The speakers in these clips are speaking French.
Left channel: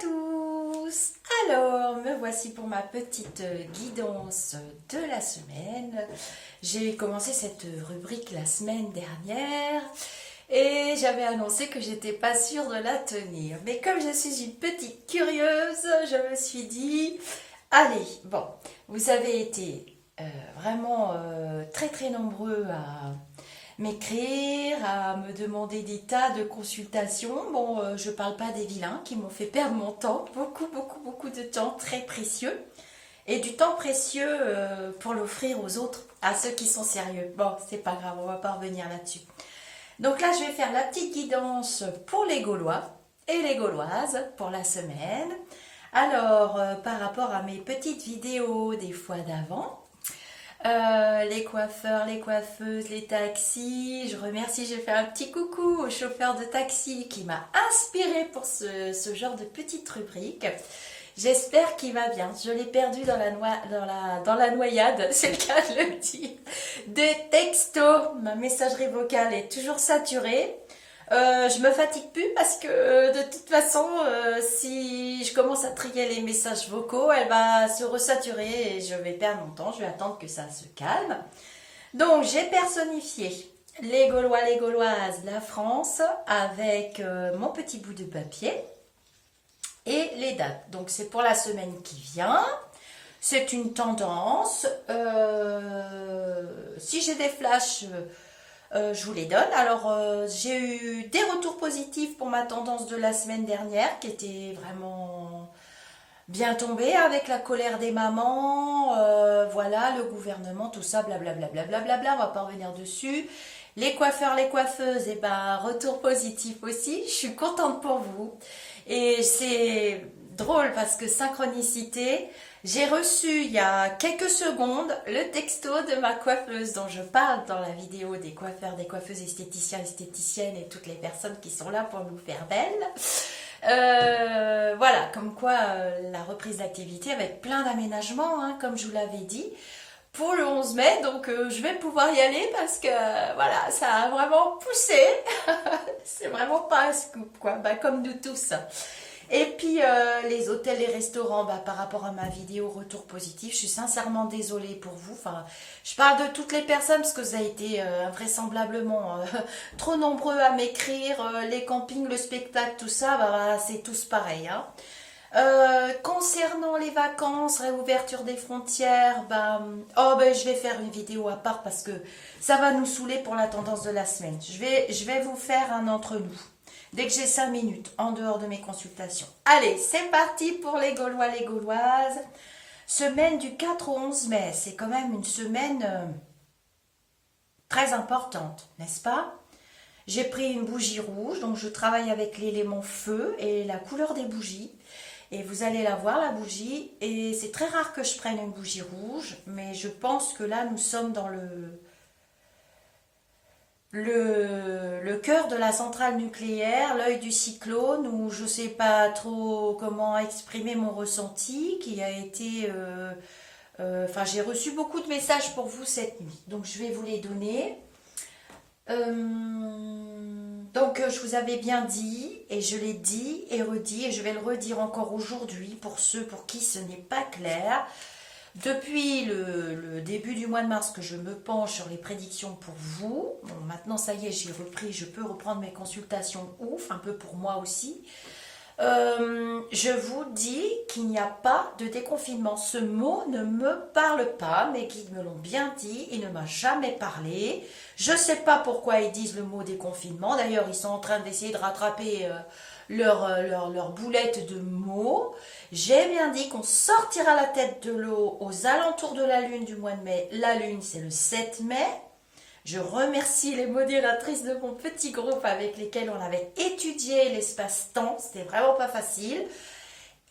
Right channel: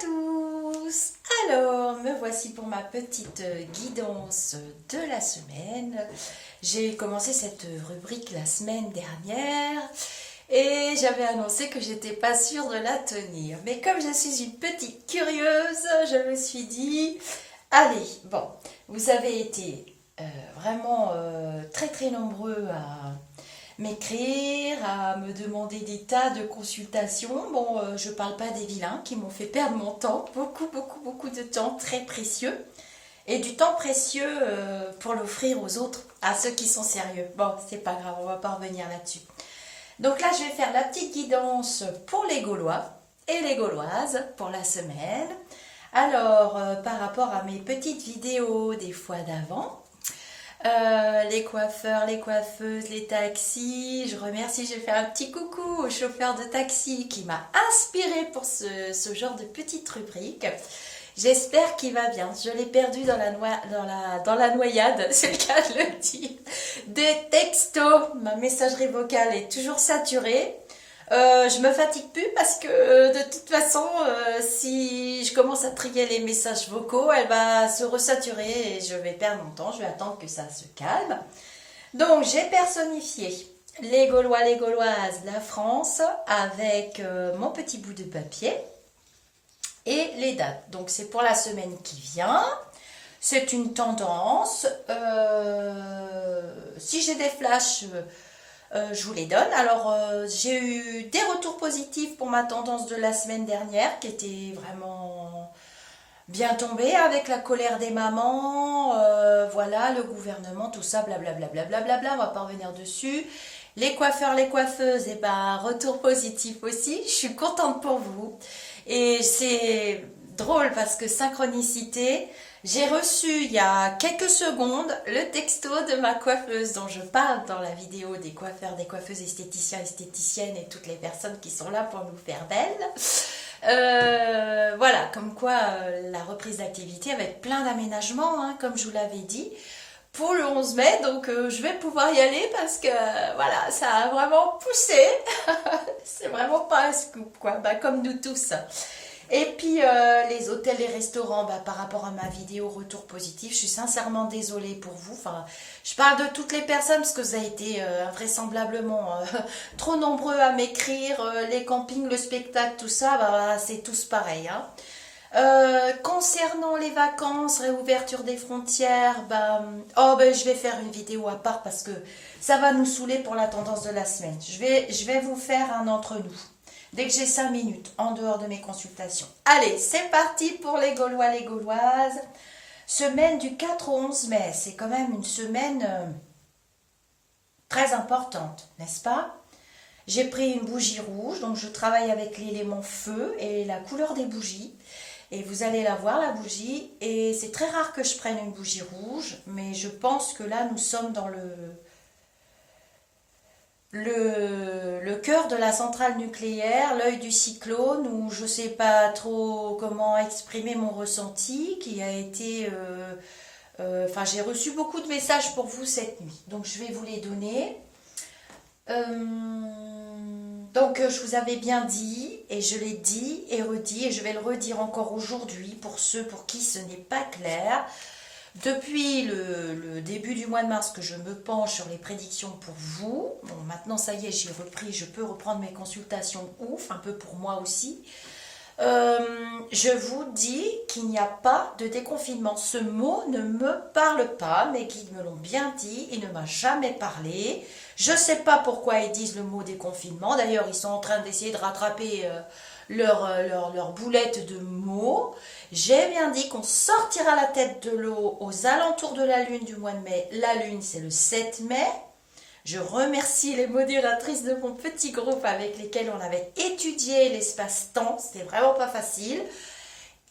tous! Alors, me voici pour ma petite guidance de la semaine. J'ai commencé cette rubrique la semaine dernière et j'avais annoncé que j'étais pas sûre de la tenir. Mais comme je suis une petite curieuse, je me suis dit, allez, bon, vous avez été vraiment très très nombreux à m'écrire, à me demander des tas de consultations. Bon, je parle pas des vilains qui m'ont fait perdre mon temps, beaucoup de temps très précieux. Et du temps précieux pour l'offrir aux autres, à ceux qui sont sérieux. Bon, c'est pas grave, on va pas revenir là-dessus. Donc là, je vais faire la petite guidance pour les Gaulois et les Gauloises pour la semaine. Alors, par rapport à mes petites vidéos des fois d'avant, les coiffeurs, les coiffeuses, les taxis. Je remercie, j'ai fait un petit coucou au chauffeur de taxi qui m'a inspiré pour ce genre de petite rubrique. J'espère qu'il va bien. Je l'ai perdu dans la noyade, c'est le cas de le dire. Des textos, ma messagerie vocale est toujours saturée. Je me fatigue plus parce que de toute façon, si je commence à trier les messages vocaux, elle va se resaturer et je vais perdre mon temps. Je vais attendre que ça se calme. Donc, j'ai personnifié les Gaulois, les Gauloises, la France avec mon petit bout de papier et les dates. Donc, c'est pour la semaine qui vient. C'est une tendance. Si j'ai des flashs... je vous les donne. Alors, j'ai eu des retours positifs pour ma tendance de la semaine dernière, qui était vraiment bien tombée avec la colère des mamans, voilà, le gouvernement, tout ça, blablabla, blablabla, on va pas revenir dessus. Les coiffeurs, les coiffeuses, et ben, retour positif aussi. Je suis contente pour vous. Et c'est drôle parce que synchronicité, j'ai reçu il y a quelques secondes le texto de ma coiffeuse dont je parle dans la vidéo des coiffeurs, des coiffeuses esthéticiens, esthéticiennes et toutes les personnes qui sont là pour nous faire belles. Voilà, comme quoi la reprise d'activité avec plein d'aménagements, hein, comme je vous l'avais dit, pour le 11 mai. Donc je vais pouvoir y aller parce que voilà, ça a vraiment poussé. C'est vraiment pas un scoop, quoi, bah, comme nous tous. Et puis les hôtels, les restaurants, bah, par rapport à ma vidéo retour positif, je suis sincèrement désolée pour vous. Enfin, je parle de toutes les personnes parce que ça a été invraisemblablement trop nombreux à m'écrire. Les campings, le spectacle, tout ça, bah, c'est tous pareil. Hein. Concernant les vacances, réouverture des frontières, bah, je vais faire une vidéo à part parce que ça va nous saouler pour la tendance de la semaine. Je vais vous faire un entre nous. Dès que j'ai 5 minutes, en dehors de mes consultations. Allez, c'est parti pour les Gaulois, les Gauloises. Semaine du 4 au 11 mai. C'est quand même une semaine très importante, n'est-ce pas? J'ai pris une bougie rouge, donc je travaille avec l'élément feu et la couleur des bougies. Et vous allez la voir, la bougie. Et c'est très rare que je prenne une bougie rouge, mais je pense que là, nous sommes dans le cœur de la centrale nucléaire, l'œil du cyclone, où je ne sais pas trop comment exprimer mon ressenti, qui a été... j'ai reçu beaucoup de messages pour vous cette nuit, donc je vais vous les donner. Donc, je vous avais bien dit, et je l'ai dit et redit, et je vais le redire encore aujourd'hui pour ceux pour qui ce n'est pas clair. Depuis le début du mois de mars que je me penche sur les prédictions pour vous, bon, maintenant ça y est, j'ai repris, je peux reprendre mes consultations ouf, un peu pour moi aussi. Je vous dis qu'il n'y a pas de déconfinement. Ce mot ne me parle pas, mes guides me l'ont bien dit, il ne m'a jamais parlé. Je ne sais pas pourquoi ils disent le mot déconfinement, d'ailleurs ils sont en train d'essayer de rattraper... leur boulette de mots. J'ai bien dit qu'on sortira la tête de l'eau aux alentours de la lune du mois de mai. La lune, c'est le 7 mai. Je remercie les modératrices de mon petit groupe avec lesquels on avait étudié l'espace-temps. C'était vraiment pas facile.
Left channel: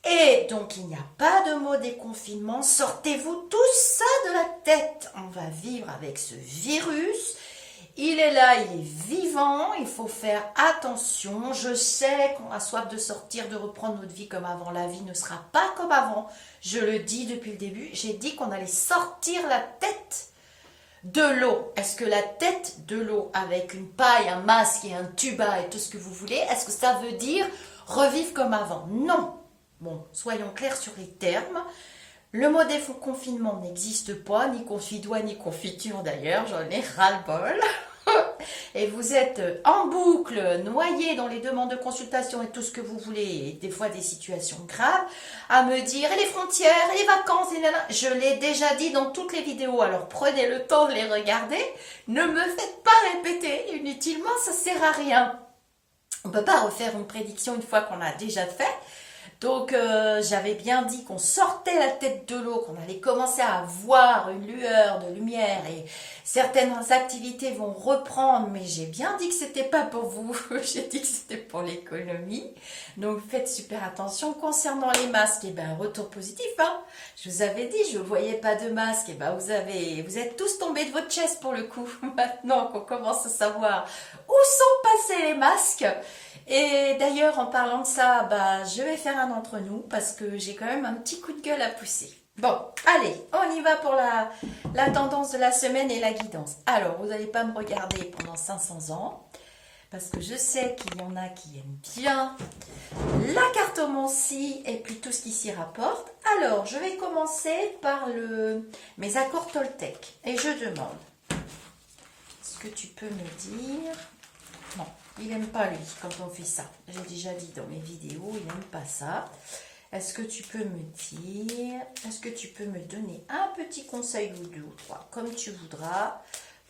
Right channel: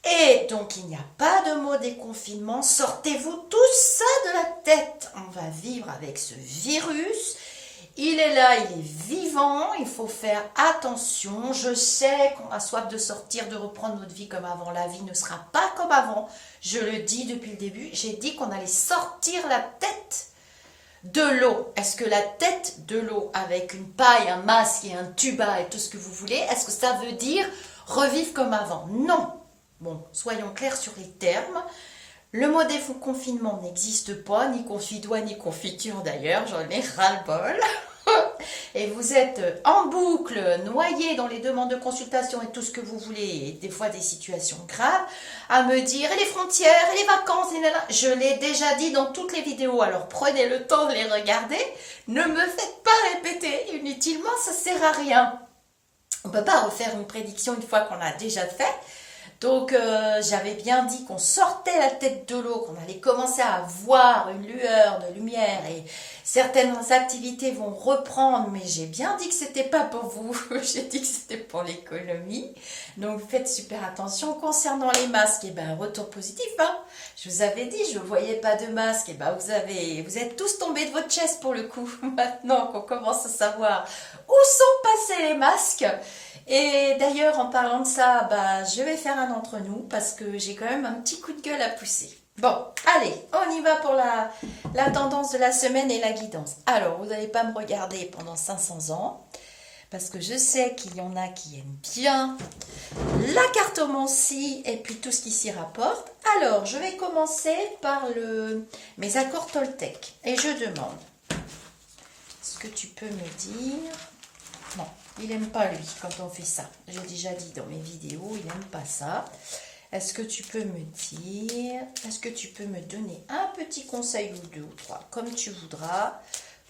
Et donc, il n'y a pas de mot déconfinement. Sortez-vous tout ça de la tête. On va vivre avec ce virus. Il est là, il est vivant, il faut faire attention. Je sais qu'on a soif de sortir, de reprendre notre vie comme avant. La vie ne sera pas comme avant. Je le dis depuis le début. J'ai dit qu'on allait sortir la tête de l'eau. Est-ce que la tête de l'eau, avec une paille, un masque et un tuba et tout ce que vous voulez, est-ce que ça veut dire revivre comme avant? Non. Bon, soyons clairs sur les termes. Le mot déconfinement n'existe pas, ni confidois, ni confiture d'ailleurs, j'en ai ras-le-bol. Et vous êtes en boucle, noyé dans les demandes de consultation et tout ce que vous voulez, et des fois des situations graves, à me dire, et les frontières, et les vacances, et là, je l'ai déjà dit dans toutes les vidéos, alors prenez le temps de les regarder, ne me faites pas répéter inutilement, ça sert à rien. On ne peut pas refaire une prédiction une fois qu'on a déjà fait. Donc j'avais bien dit qu'on sortait la tête de l'eau, qu'on allait commencer à voir une lueur de lumière et certaines activités vont reprendre, mais j'ai bien dit que c'était pas pour vous, j'ai dit que c'était pour l'économie. Donc faites super attention concernant les masques. Et ben retour positif, hein. Je vous avais dit, je ne voyais pas de masque. Et ben vous êtes tous tombés de votre chaise pour le coup. Maintenant qu'on commence à savoir où sont passés les masques. Et d'ailleurs, en parlant de ça, bah, je vais faire un entre nous parce que j'ai quand même un petit coup de gueule à pousser. Bon, allez, on y va pour la tendance de la semaine et la guidance. Alors, vous n'allez pas me regarder pendant 500 ans parce que je sais qu'il y en a qui aiment bien la cartomancie et puis tout ce qui s'y rapporte. Alors, je vais commencer par mes accords Toltec et je demande, est-ce que tu peux me dire... Non. Il n'aime pas, lui, quand on fait ça. J'ai déjà dit dans mes vidéos, il n'aime pas ça. Est-ce que tu peux me dire, est-ce que tu peux me donner un petit conseil ou deux ou trois, comme tu voudras,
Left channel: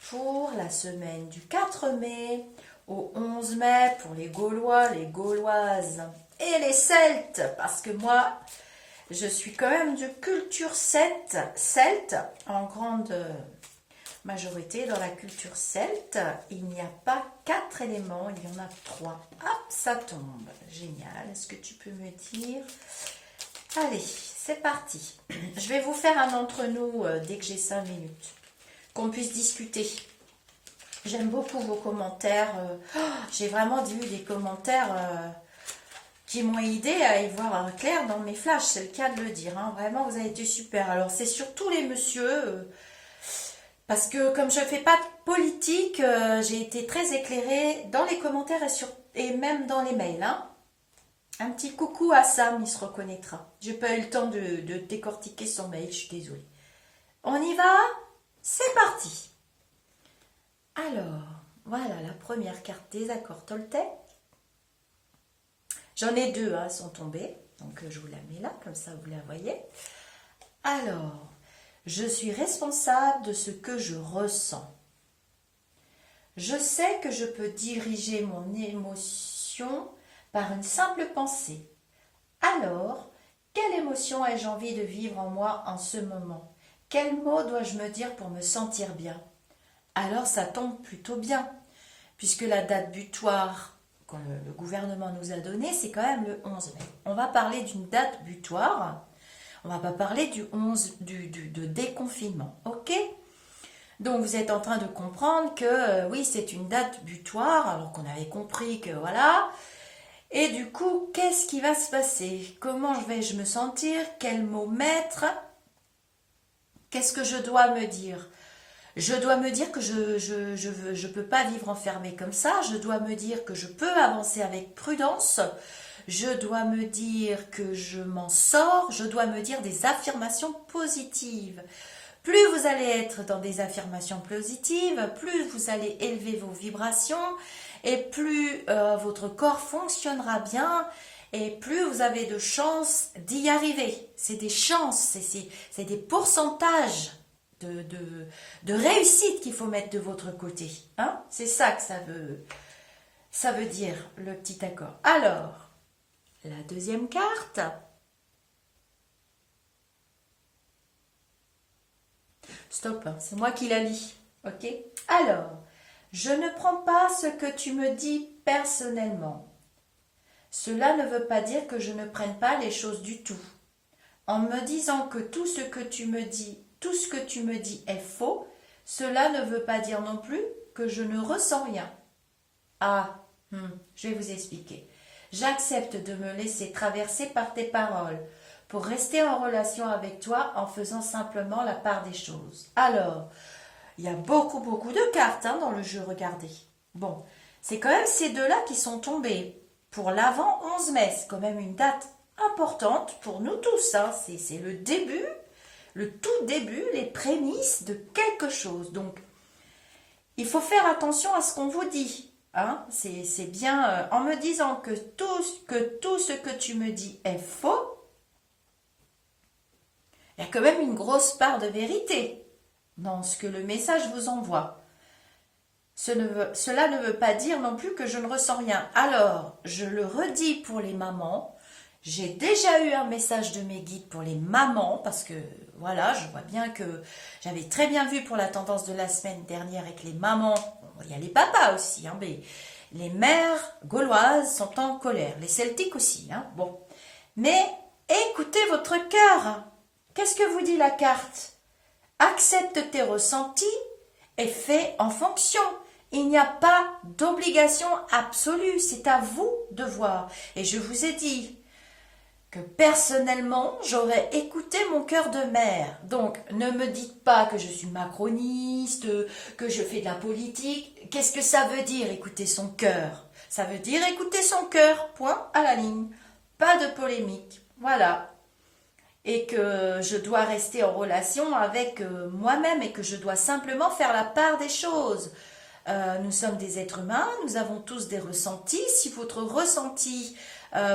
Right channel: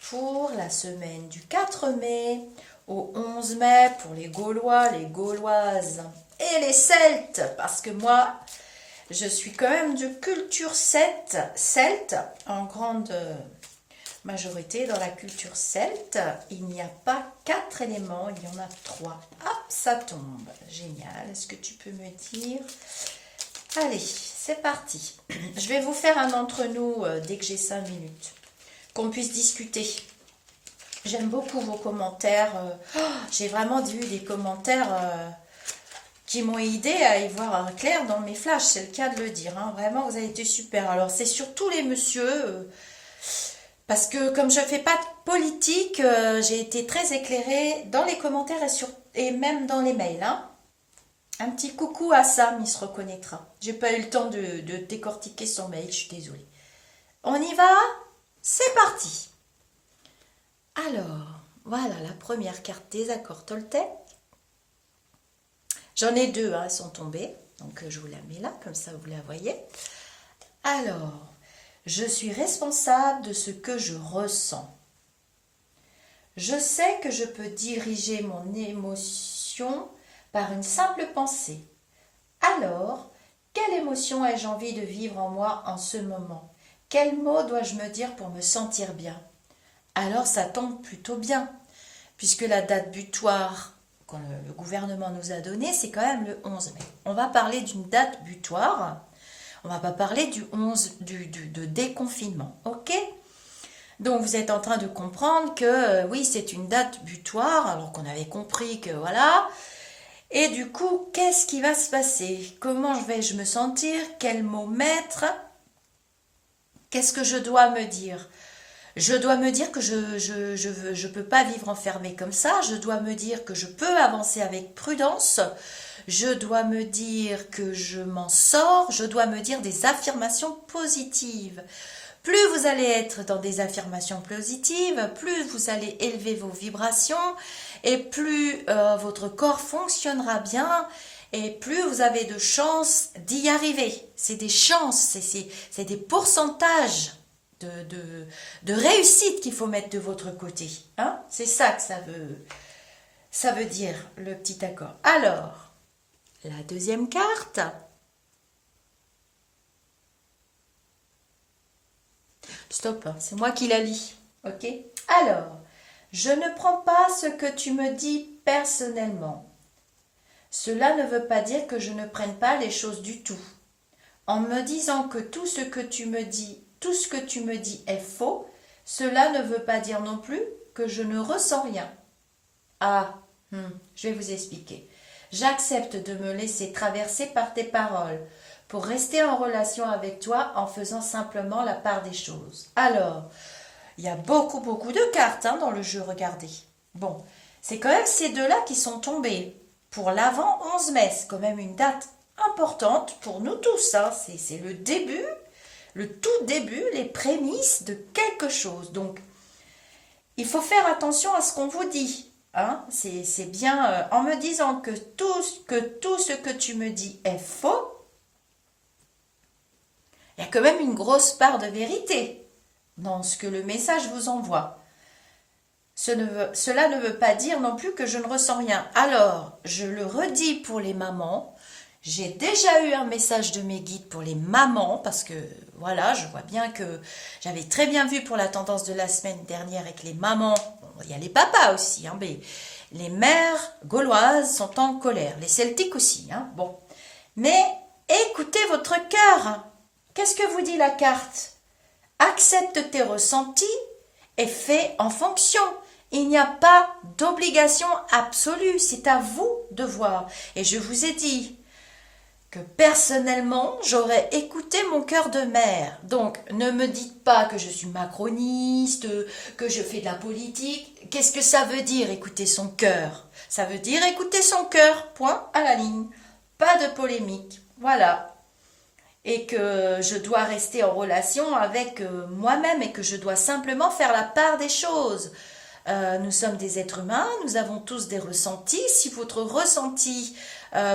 pour la semaine du 4 mai au 11 mai, pour les Gaulois, les Gauloises et les Celtes, parce que moi, je suis quand même de culture celte en grande... majorité dans la culture celte, il n'y a pas 4 éléments, il y en a 3. Hop, ça tombe. Génial. Est-ce que tu peux me dire... Allez, c'est parti. Je vais vous faire un entre nous dès que j'ai 5 minutes. Qu'on puisse discuter. J'aime beaucoup vos commentaires. J'ai vraiment eu des commentaires qui m'ont aidé à y voir clair dans mes flashs. C'est le cas de le dire. Hein. Vraiment, vous avez été super. Alors, c'est surtout les messieurs... Parce que comme je ne fais pas de politique, j'ai été très éclairée dans les commentaires et même dans les mails. Hein. Un petit coucou à Sam, il se reconnaîtra. J'ai pas eu le temps de décortiquer son mail, je suis désolée. On y va? C'est parti. Alors, voilà la première carte des accords Toltec. J'en ai 2, hein, elles sont tombées. Donc je vous la mets là, comme ça vous la voyez. Alors... Je suis responsable de ce que je ressens. Je sais que je peux diriger mon émotion par une simple pensée. Alors, quelle émotion ai-je envie de vivre en moi en ce moment? Quels mots dois-je me dire pour me sentir bien? Alors, ça tombe plutôt bien, puisque la date butoir que le gouvernement nous a donnée, c'est quand même le 11 mai. On va parler d'une date butoir. On ne va pas parler du 11 de déconfinement, ok? Donc vous êtes en train de comprendre que oui, c'est une date butoir, alors qu'on avait compris que voilà. Et du coup, qu'est-ce qui va se passer? Comment vais-je me sentir? Quel mot mettre? Qu'est-ce que je dois me dire? Je dois me dire que je peux pas vivre enfermée comme ça. Je dois me dire que je peux avancer avec prudence. Je dois me dire que je m'en sors. Je dois me dire des affirmations positives. Plus vous allez être dans des affirmations positives, plus vous allez élever vos vibrations et plus votre corps fonctionnera bien et plus vous avez de chances d'y arriver. C'est des chances, c'est des pourcentages de réussite qu'il faut mettre de votre côté. Hein? C'est ça que ça veut dire, le petit accord. Alors, la deuxième carte. Stop, c'est moi qui la lis. Ok? Alors, je ne prends pas ce que tu me dis personnellement. Cela ne veut pas dire que je ne prenne pas les choses du tout. En me disant que tout ce que tu me dis est faux, cela ne veut pas dire non plus que je ne ressens rien. Ah, je vais vous expliquer. J'accepte de me laisser traverser par tes paroles pour rester en relation avec toi en faisant simplement la part des choses. Alors, il y a beaucoup de cartes dans le jeu, regardez. Bon, c'est quand même ces deux-là qui sont tombés pour l'avant 11 mai. C'est quand même une date importante pour nous tous. Hein. C'est le début, le tout début, les prémices de quelque chose. Donc, il faut faire attention à ce qu'on vous dit. Hein. C'est bien en me disant que tout ce que tu me dis est faux, il y a quand même une grosse part de vérité dans ce que le message vous envoie. Cela ne veut pas dire non plus que je ne ressens rien. Alors, je le redis pour les mamans. J'ai déjà eu un message de mes guides pour les mamans parce que voilà, je vois bien que j'avais très bien vu pour la tendance de la semaine dernière avec les mamans. Bon, il y a les papas aussi, hein, mais les mères gauloises sont en colère, les celtiques aussi. Hein, bon, mais écoutez votre cœur. Qu'est-ce que vous dit la carte? Accepte tes ressentis et fais en fonction. Il n'y a pas d'obligation absolue, c'est à vous de voir. Et je vous ai dit que personnellement, j'aurais écouté mon cœur de mère. Donc, ne me dites pas que je suis macroniste, que je fais de la politique. Qu'est-ce que ça veut dire, écouter son cœur? Ça veut dire écouter son cœur, point à la ligne. Pas de polémique, voilà. Et que je dois rester en relation avec moi-même et que je dois simplement faire la part des choses. Nous sommes des êtres humains, nous avons tous des ressentis. Si votre ressenti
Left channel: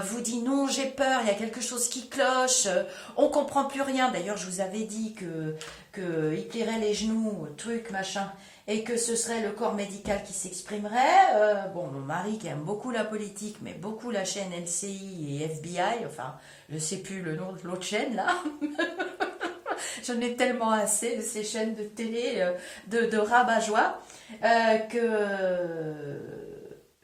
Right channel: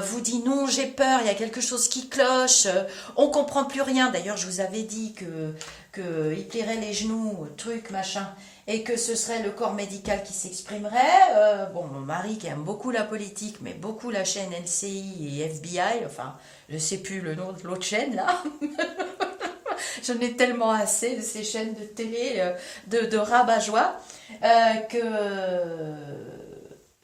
vous dit non, j'ai peur, il y a quelque chose qui cloche, on comprend plus rien. D'ailleurs, je vous avais dit que il plierait les genoux, truc, machin, et que ce serait le corps médical qui s'exprimerait. Bon, mon mari qui aime beaucoup la politique, mais beaucoup la chaîne LCI et FBI, enfin, je ne sais plus le nom de l'autre chaîne là. J'en ai tellement assez de ces chaînes de télé, de rabat-joie, que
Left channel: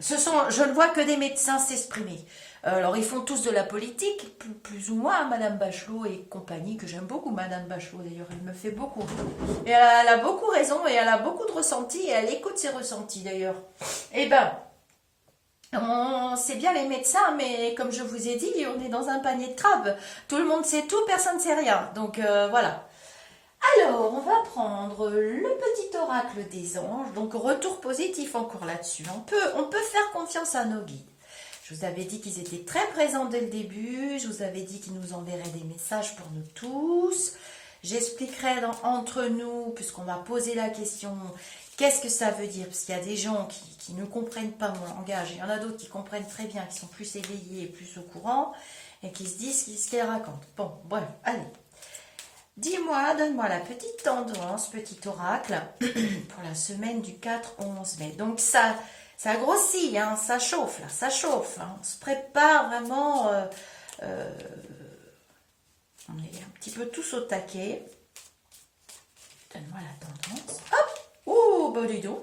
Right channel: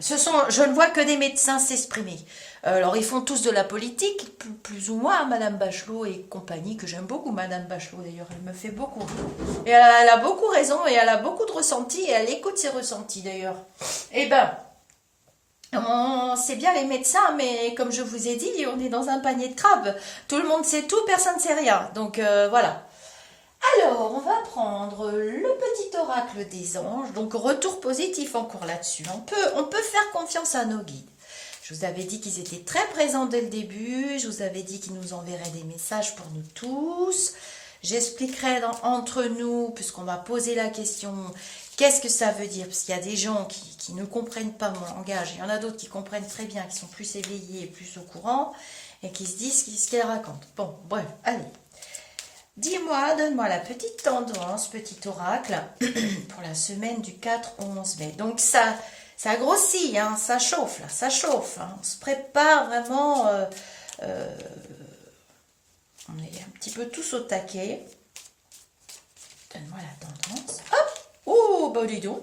je ne vois que des médecins s'exprimer. Alors, ils font tous de la politique, plus ou moins, Madame Bachelot et compagnie, que j'aime beaucoup, Madame Bachelot d'ailleurs, elle me fait beaucoup. Et elle a beaucoup raison, et elle a beaucoup de ressentis, et elle écoute ses ressentis d'ailleurs. Eh ben, c'est bien les médecins, mais comme je vous ai dit, on est dans un panier de crabes. Tout le monde sait tout, personne ne sait rien. Donc voilà. Alors, on va prendre le petit oracle des anges. Donc, retour positif encore là-dessus. On peut faire confiance à nos guides. Je vous avais dit qu'ils étaient très présents dès le début. Je vous avais dit qu'ils nous enverraient des messages pour nous tous. J'expliquerai entre nous, puisqu'on va poser la question, qu'est-ce que ça veut dire? Parce qu'il y a des gens qui ne comprennent pas mon langage. Il y en a d'autres qui comprennent très bien, qui sont plus éveillés et plus au courant, et qui se disent ce qu'elles racontent. Bon, bref, allez. Dis-moi, donne-moi la petite tendance, petit oracle, pour la semaine du 4 au 11 mai. Donc ça grossit, hein, ça chauffe, là, ça chauffe. Hein. On se prépare vraiment, on est un petit peu tous au taquet. Donne-moi la tendance. Hop, oh, bah dis donc.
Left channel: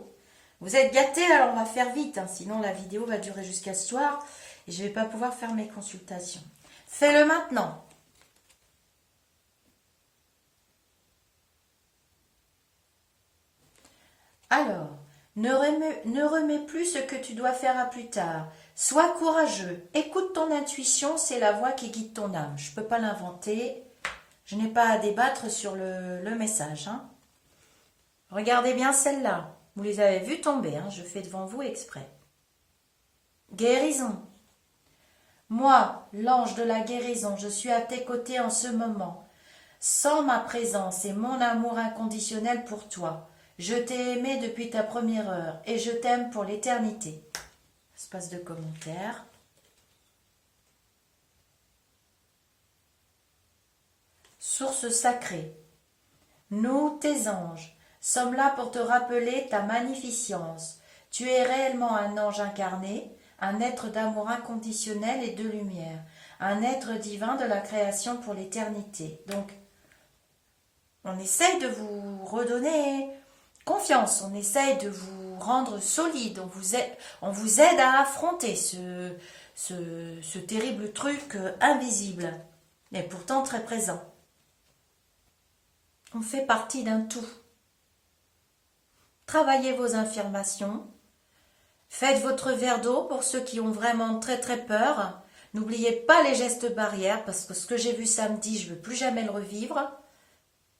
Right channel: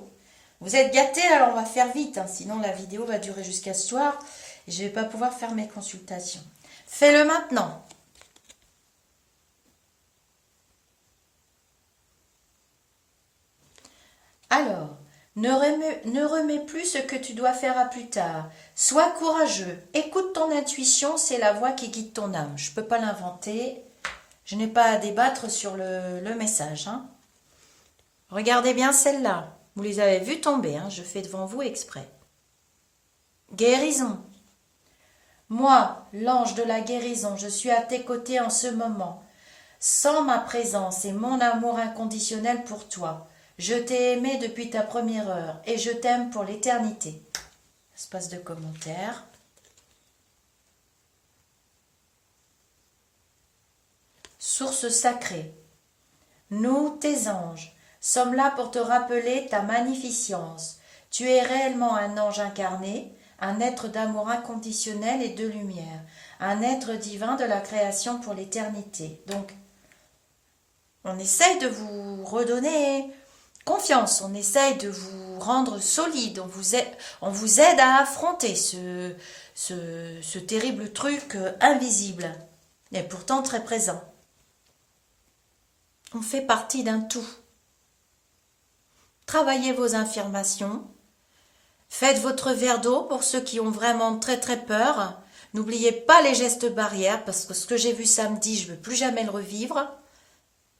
Vous êtes gâtés, alors on va faire vite, hein, sinon la vidéo va durer jusqu'à ce soir et je ne vais pas pouvoir faire mes consultations. Fais-le maintenant. Alors, ne remets plus ce que tu dois faire à plus tard. Sois courageux. Écoute ton intuition, c'est la voix qui guide ton âme. Je ne peux pas l'inventer. Je n'ai pas à débattre sur le message. Hein. Regardez bien celle-là. Vous les avez vues tomber. Hein. Je fais devant vous exprès. Guérison. Moi, l'ange de la guérison, je suis à tes côtés en ce moment. Sans ma présence et mon amour inconditionnel pour toi. Je t'ai aimé depuis ta première heure et je t'aime pour l'éternité. Espace de commentaires. Source sacrée. Nous, tes anges, sommes là pour te rappeler ta magnificence. Tu es réellement un ange incarné, un être d'amour inconditionnel et de lumière, un être divin de la création pour l'éternité. Donc, on essaye de vous redonner confiance, on essaye de vous rendre solide, on vous aide à affronter ce terrible truc invisible, et pourtant très présent. On fait partie d'un tout. Travaillez vos affirmations, faites votre verre d'eau pour ceux qui ont vraiment très très peur. N'oubliez pas les gestes barrières, parce que ce que j'ai vu samedi, je ne veux plus jamais le revivre.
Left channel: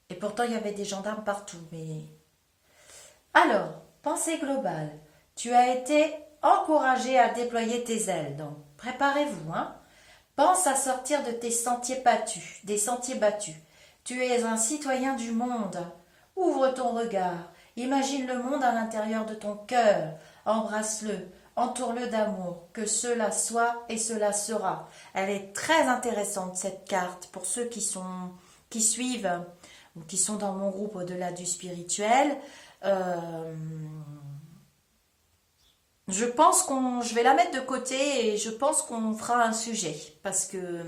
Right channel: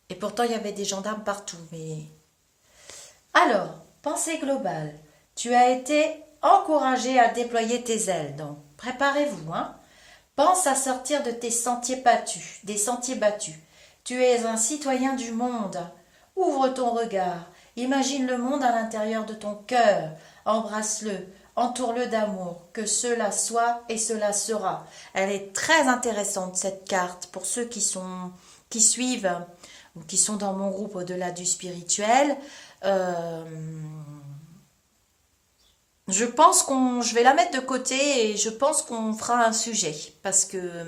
Et pourtant, il y avait des gendarmes partout, mais... Alors, pensée globale. Tu as été encouragé à déployer tes ailes, donc préparez-vous. Hein. Pense à sortir de tes sentiers battus, des sentiers battus. Tu es un citoyen du monde. Ouvre ton regard. Imagine le monde à l'intérieur de ton cœur. Embrasse-le. Entoure-le d'amour. Que cela soit et cela sera. Elle est très intéressante, cette carte, pour ceux qui suivent ou qui sont dans mon groupe au-delà du spirituel. Je pense je vais la mettre de côté et je pense qu'on fera un sujet parce que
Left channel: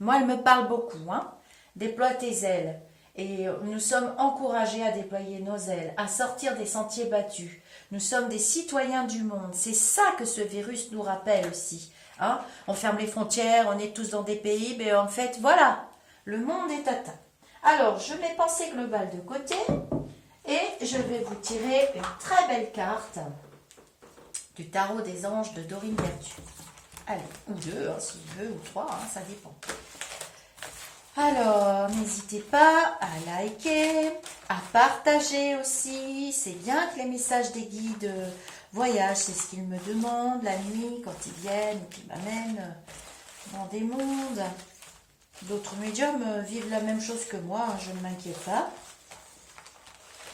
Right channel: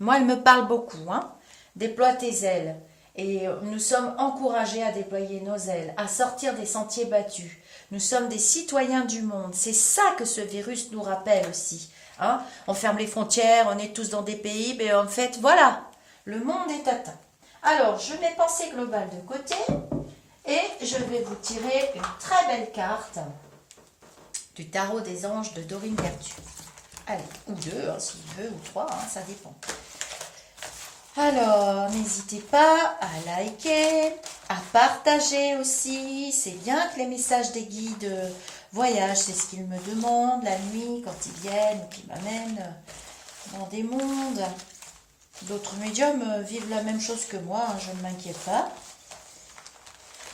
moi, elle me parle beaucoup. Hein. Déploie tes ailes. Et nous sommes encouragés à déployer nos ailes, à sortir des sentiers battus. Nous sommes des citoyens du monde. C'est ça que ce virus nous rappelle aussi. Hein. On ferme les frontières, on est tous dans des pays, mais en fait, voilà, le monde est atteint. Alors, je mets pensée globale de côté et je vais vous tirer une très belle carte du tarot des anges de Dorine Vertu. Allez, ou deux, hein, s'il veut, ou trois, hein, ça dépend. Alors, n'hésitez pas à liker, à partager aussi. C'est bien que les messages des guides voyagent, c'est ce qu'ils me demandent la nuit quand ils viennent ou qu'ils m'amènent dans des mondes. D'autres médiums vivent la même chose que moi, hein, je ne m'inquiète pas.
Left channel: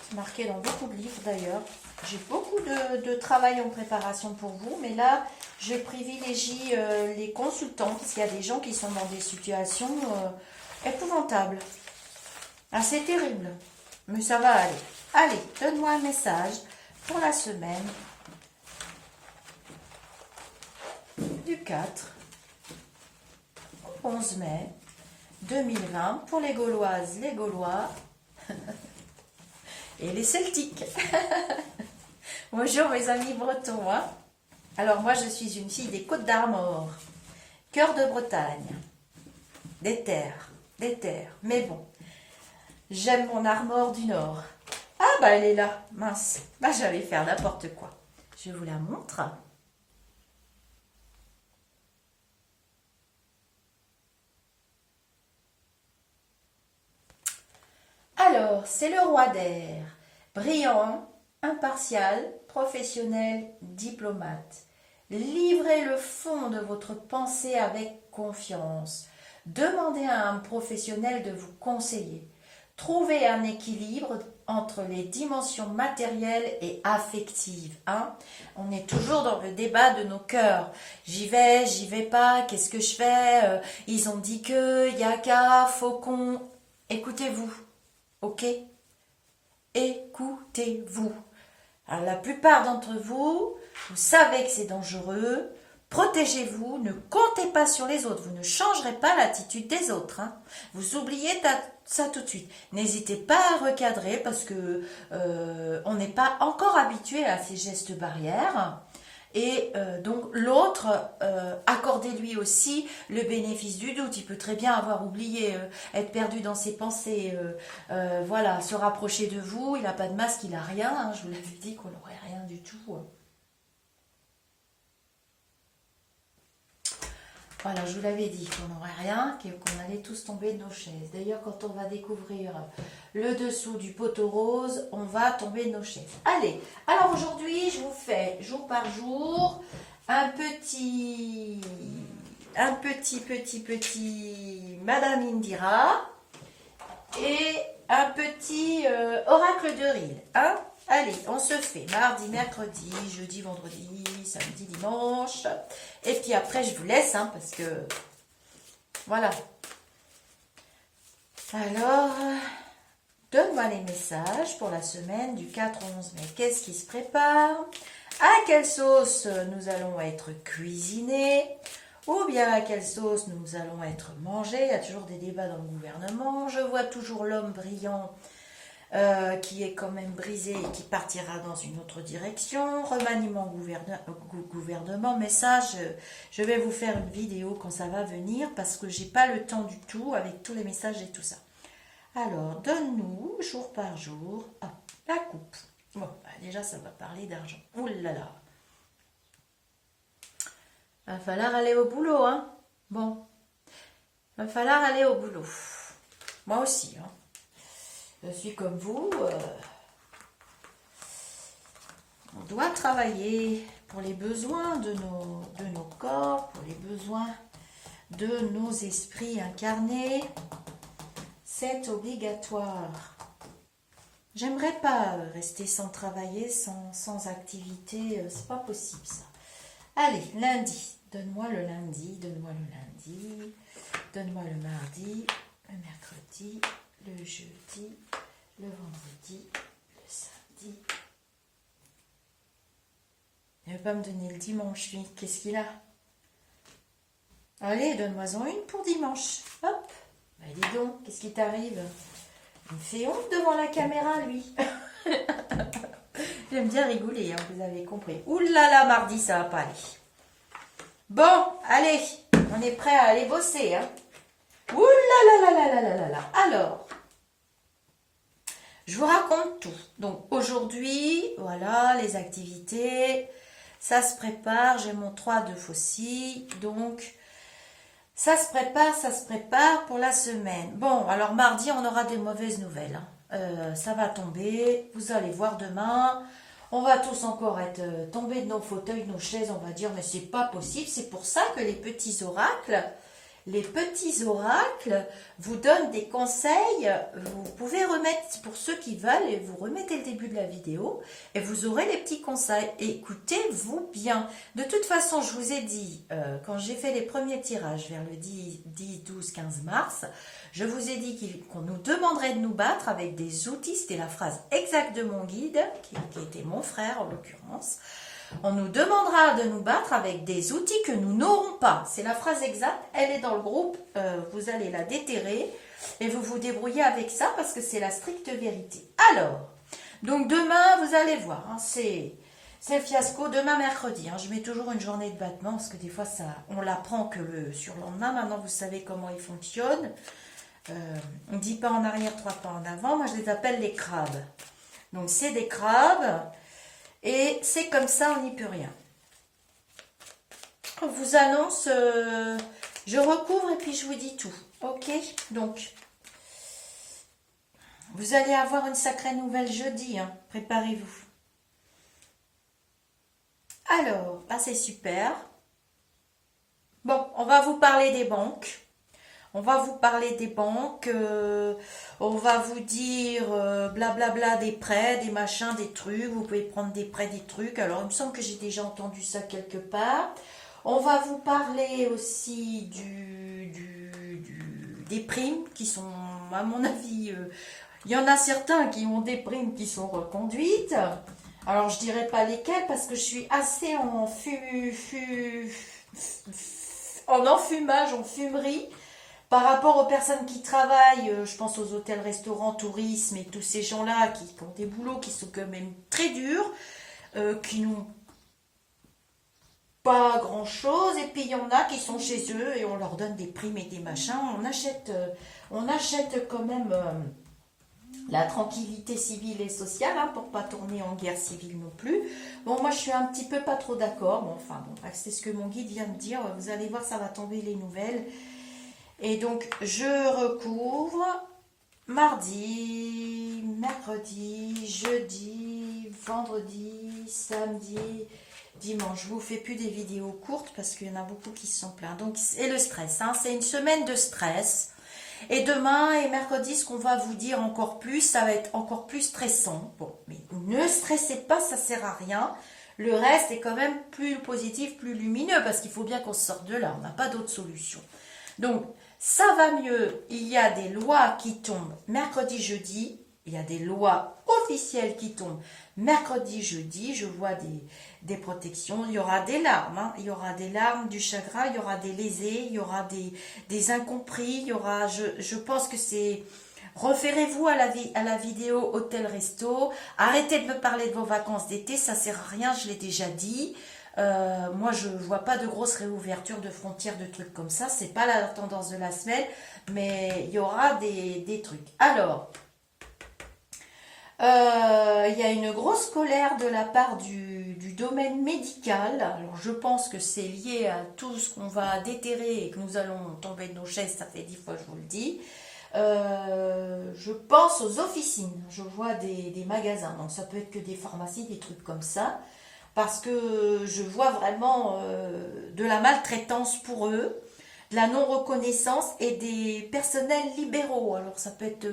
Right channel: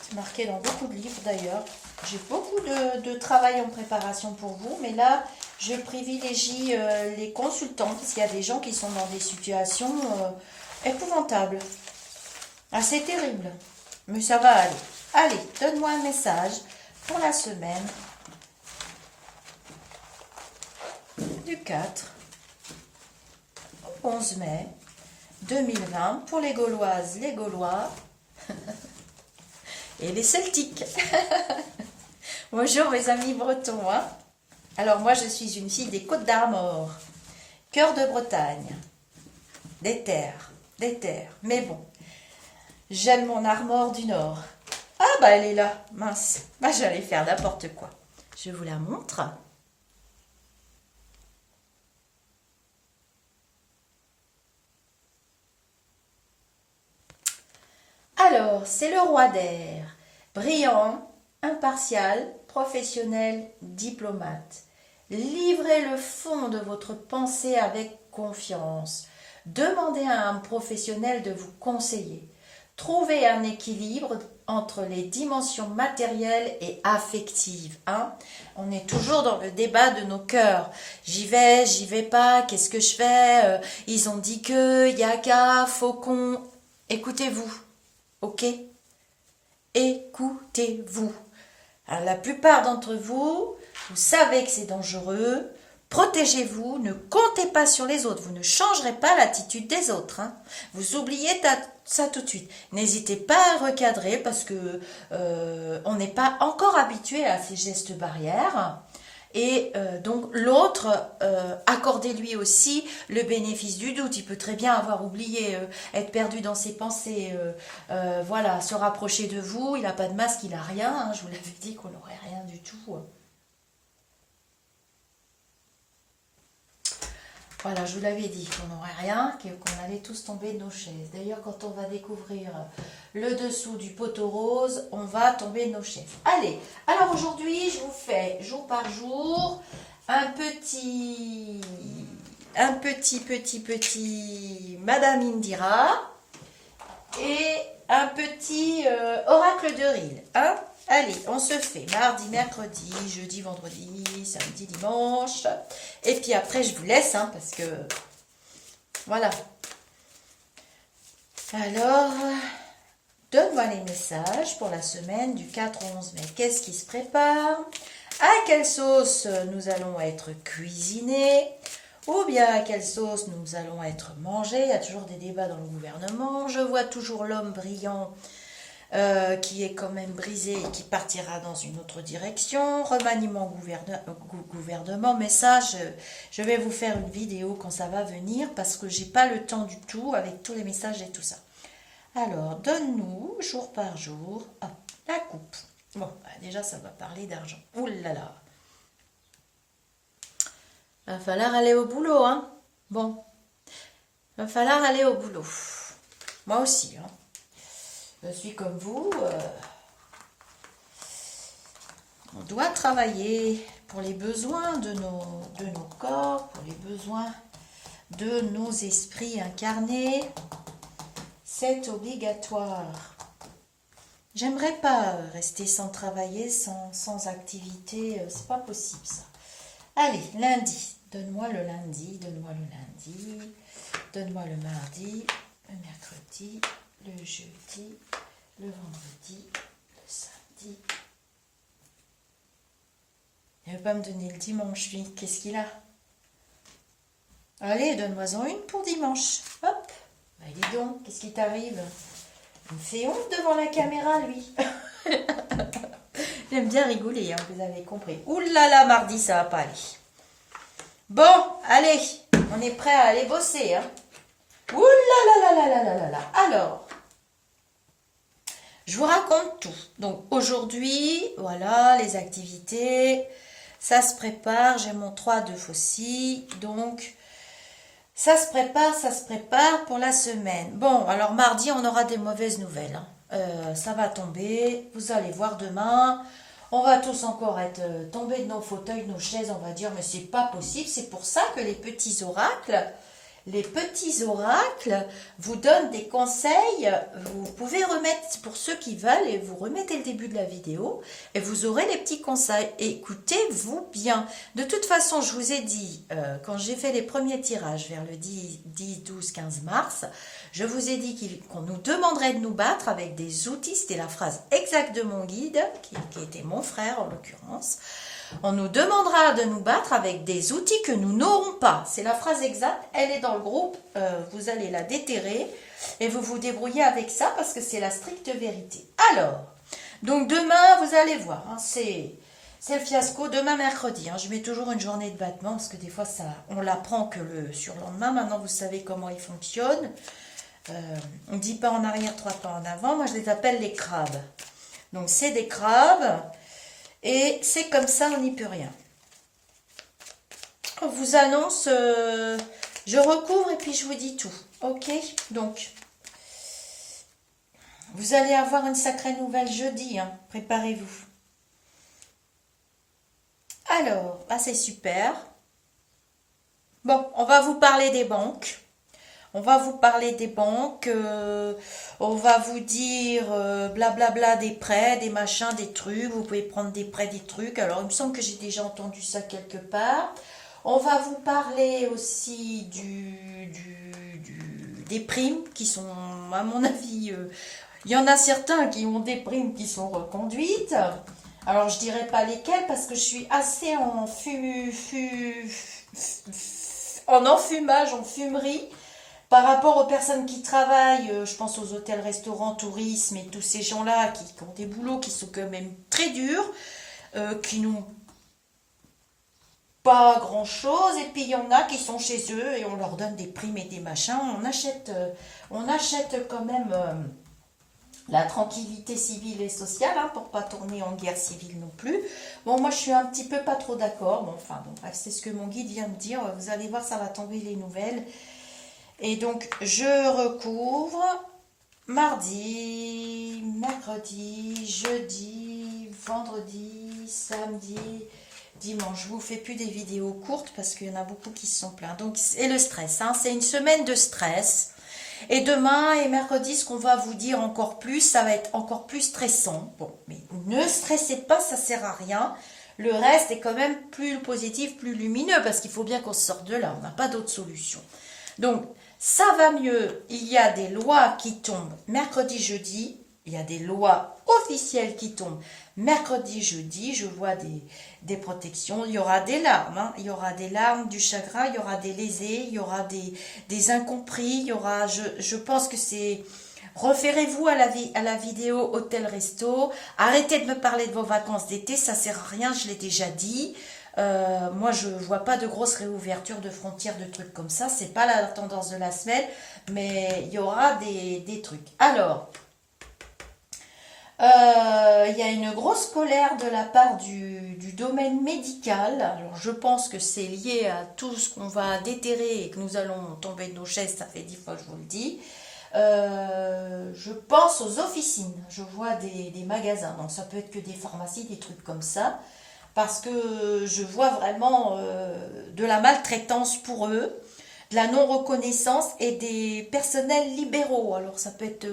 C'est marqué dans beaucoup de livres d'ailleurs. J'ai beaucoup de travail en préparation pour vous, mais là, je privilégie les consultants, parce qu'il y a des gens qui sont dans des situations épouvantables. Assez terribles, mais ça va aller. Allez, donne-moi un message pour la semaine du 4 au 11 mai 2020 pour les Gauloises, les Gaulois et les Celtiques. Bonjour mes amis bretons. Hein. Alors moi je suis une fille des Côtes d'Armor, cœur de Bretagne, des terres. Mais bon, j'aime mon Armor du Nord. Ah bah elle est là, mince. Bah j'allais faire n'importe quoi. Je vous la montre. Alors, c'est le roi d'air, brillant, impartial, professionnel, diplomate. Livrez le fond de votre pensée avec confiance. Demandez à un professionnel de vous conseiller. Trouvez un équilibre entre les dimensions matérielles et affectives. Hein. On est toujours dans le débat de nos cœurs. J'y vais pas, qu'est-ce que je fais? Ils ont dit que, yaka, faucon. Écoutez-vous. Ok? Écoutez-vous. Alors, la plupart d'entre vous, vous savez que c'est dangereux. Protégez-vous, ne comptez pas sur les autres. Vous ne changerez pas l'attitude des autres. Hein. Vous oubliez ça tout de suite. N'hésitez pas à recadrer parce que on n'est pas encore habitué à ces gestes barrières. Et donc l'autre, accordez-lui aussi le bénéfice du doute. Il peut très bien avoir oublié, être perdu dans ses pensées, voilà, se rapprocher de vous. Il n'a pas de masque, il n'a rien. Hein, je vous l'avais dit qu'on n'aurait rien du tout. Voilà, je vous l'avais dit qu'on n'aurait rien, qu'on allait tous tomber de nos chaises. D'ailleurs, quand on va découvrir le dessous du poteau rose, on va tomber de nos chaises. Allez, alors aujourd'hui, je vous fais jour par jour un petit Madame Indira et un petit oracle de Ril. Hein? Allez, on se fait mardi, mercredi, jeudi, vendredi, samedi, dimanche. Et puis après, je vous laisse, hein, parce que... Voilà. Alors, donne-moi les messages pour la semaine du 4 au 11 mai. Qu'est-ce qui se prépare? À quelle sauce nous allons être cuisinés? Ou bien à quelle sauce nous allons être mangés? Il y a toujours des débats dans le gouvernement. Je vois toujours l'homme brillant qui est quand même brisé et qui partira dans une autre direction. Remaniement gouvernement, mais ça, je vais vous faire une vidéo quand ça va venir parce que j'ai pas le temps du tout avec tous les messages et tout ça. Alors, donne-nous, jour par jour, la coupe. Bon, déjà, ça va parler d'argent. Ouh là là. Va falloir aller au boulot, hein. Bon. Va falloir aller au boulot. Moi aussi, hein. Je suis comme vous. On doit travailler pour les besoins de nos corps, pour les besoins de nos esprits incarnés. C'est obligatoire. J'aimerais pas rester sans travailler, sans activité. C'est pas possible ça. Allez, lundi. Donne-moi le lundi, donne-moi le lundi, donne-moi le mardi, le mercredi, le jeudi, le vendredi, le samedi. Il ne veut pas me donner le dimanche, lui. Qu'est-ce qu'il a? Allez, donne-moi-en une pour dimanche. Hop. Bah, dis donc, qu'est-ce qui t'arrive? Il me fait honte devant la caméra, lui. J'aime bien rigoler, hein, vous avez compris. Ouh là là, mardi, ça va pas aller. Bon, allez, on est prêt à aller bosser. Hein. Ouh là là là là là là là là. Alors, je vous raconte tout. Donc, aujourd'hui, voilà, les activités. Ça se prépare. J'ai mon 3 de Fossi. Donc, ça se prépare pour la semaine. Bon, alors mardi, on aura des mauvaises nouvelles. Hein. Ça va tomber. Vous allez voir demain. On va tous encore être tombés de nos fauteuils, de nos chaises. On va dire, mais c'est pas possible. C'est pour ça que les petits oracles vous donnent des conseils. Vous pouvez remettre, pour ceux qui veulent, et vous remettez le début de la vidéo et vous aurez les petits conseils. Écoutez-vous bien. De toute façon, je vous ai dit, quand j'ai fait les premiers tirages vers le 10, 12, 15 mars, je vous ai dit qu'on nous demanderait de nous battre avec des outils. C'était la phrase exacte de mon guide, qui était mon frère en l'occurrence. On nous demandera de nous battre avec des outils que nous n'aurons pas. C'est la phrase exacte, elle est dans le groupe, vous allez la déterrer et vous vous débrouillez avec ça parce que c'est la stricte vérité. Alors, donc demain, vous allez voir, hein, c'est le fiasco. Demain mercredi, hein, je mets toujours une journée de battement parce que des fois, on l'apprend que le surlendemain. Maintenant, vous savez comment il fonctionne. On ne dit pas en arrière, 3 pas en avant. Moi, je les appelle les crabes. Donc, c'est des crabes. Et c'est comme ça, on n'y peut rien. On vous annonce, je recouvre et puis je vous dis tout. Ok? Donc, vous allez avoir une sacrée nouvelle jeudi. Hein. Préparez-vous. Alors, c'est super. Bon, on va vous parler des banques. On va vous parler des banques, on va vous dire blablabla des prêts, des machins, des trucs. Vous pouvez prendre des prêts, des trucs. Alors, il me semble que j'ai déjà entendu ça quelque part. On va vous parler aussi des primes qui sont, à mon avis, il y en a certains qui ont des primes qui sont reconduites. Alors, je dirais pas lesquelles parce que je suis assez en enfumage, en fumerie. Par rapport aux personnes qui travaillent, je pense aux hôtels, restaurants, tourisme et tous ces gens-là qui ont des boulots qui sont quand même très durs, qui n'ont pas grand-chose. Et puis il y en a qui sont chez eux et on leur donne des primes et des machins. On achète quand même la tranquillité civile et sociale hein, pour pas tourner en guerre civile non plus. Bon, moi je suis un petit peu pas trop d'accord. Bon, enfin bon, bref, c'est ce que mon guide vient de dire. Vous allez voir, ça va tomber les nouvelles. Et donc, je recouvre mardi, mercredi, jeudi, vendredi, samedi, dimanche. Je vous fais plus des vidéos courtes parce qu'il y en a beaucoup qui se sont plaints. Donc, c'est le stress. Hein, c'est une semaine de stress. Et demain et mercredi, ce qu'on va vous dire encore plus, ça va être encore plus stressant. Bon, mais ne stressez pas, ça sert à rien. Le reste est quand même plus positif, plus lumineux parce qu'il faut bien qu'on sorte de là. On n'a pas d'autre solution. Donc, ça va mieux, il y a des lois qui tombent mercredi, jeudi, il y a des lois officielles qui tombent mercredi, jeudi, je vois des protections, il y aura des larmes, hein. Il y aura des larmes, du chagrin, il y aura des lésés, il y aura des incompris, il y aura, je pense que c'est, référez-vous à la vidéo hôtel-resto, arrêtez de me parler de vos vacances d'été, ça sert à rien, je l'ai déjà dit. Moi, je vois pas de grosses réouvertures de frontières, de trucs comme ça. C'est pas la tendance de la semaine, mais il y aura des trucs. Alors, il y a une grosse colère de la part du domaine médical. Alors, je pense que c'est lié à tout ce qu'on va déterrer et que nous allons tomber de nos chaises. Ça fait 10 fois que je vous le dis. Je pense aux officines. Je vois des magasins. Donc, ça peut être que des pharmacies, des trucs comme ça. Parce que je vois vraiment de la maltraitance pour eux. de la non-reconnaissance et des personnels libéraux. Alors ça peut être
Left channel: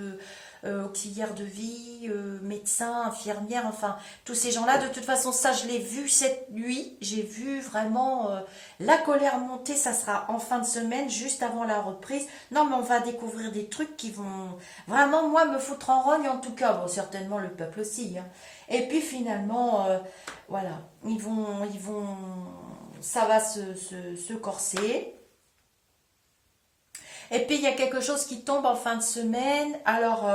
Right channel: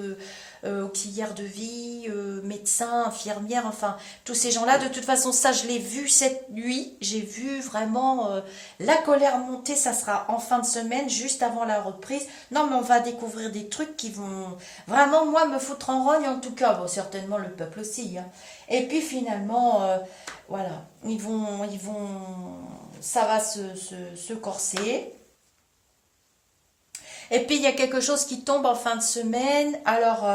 auxiliaire de vie, médecin, infirmière, enfin tous ces gens-là. De toute façon, ça je l'ai vu cette nuit. J'ai vu vraiment la colère monter. Ça sera en fin de semaine, juste avant la reprise. Non, mais on va découvrir des trucs qui vont vraiment, moi, me foutre en rogne en tout cas. Bon, certainement le peuple aussi, hein. Et puis finalement, voilà, ça va se corser. Et puis il y a quelque chose qui tombe en fin de semaine. Alors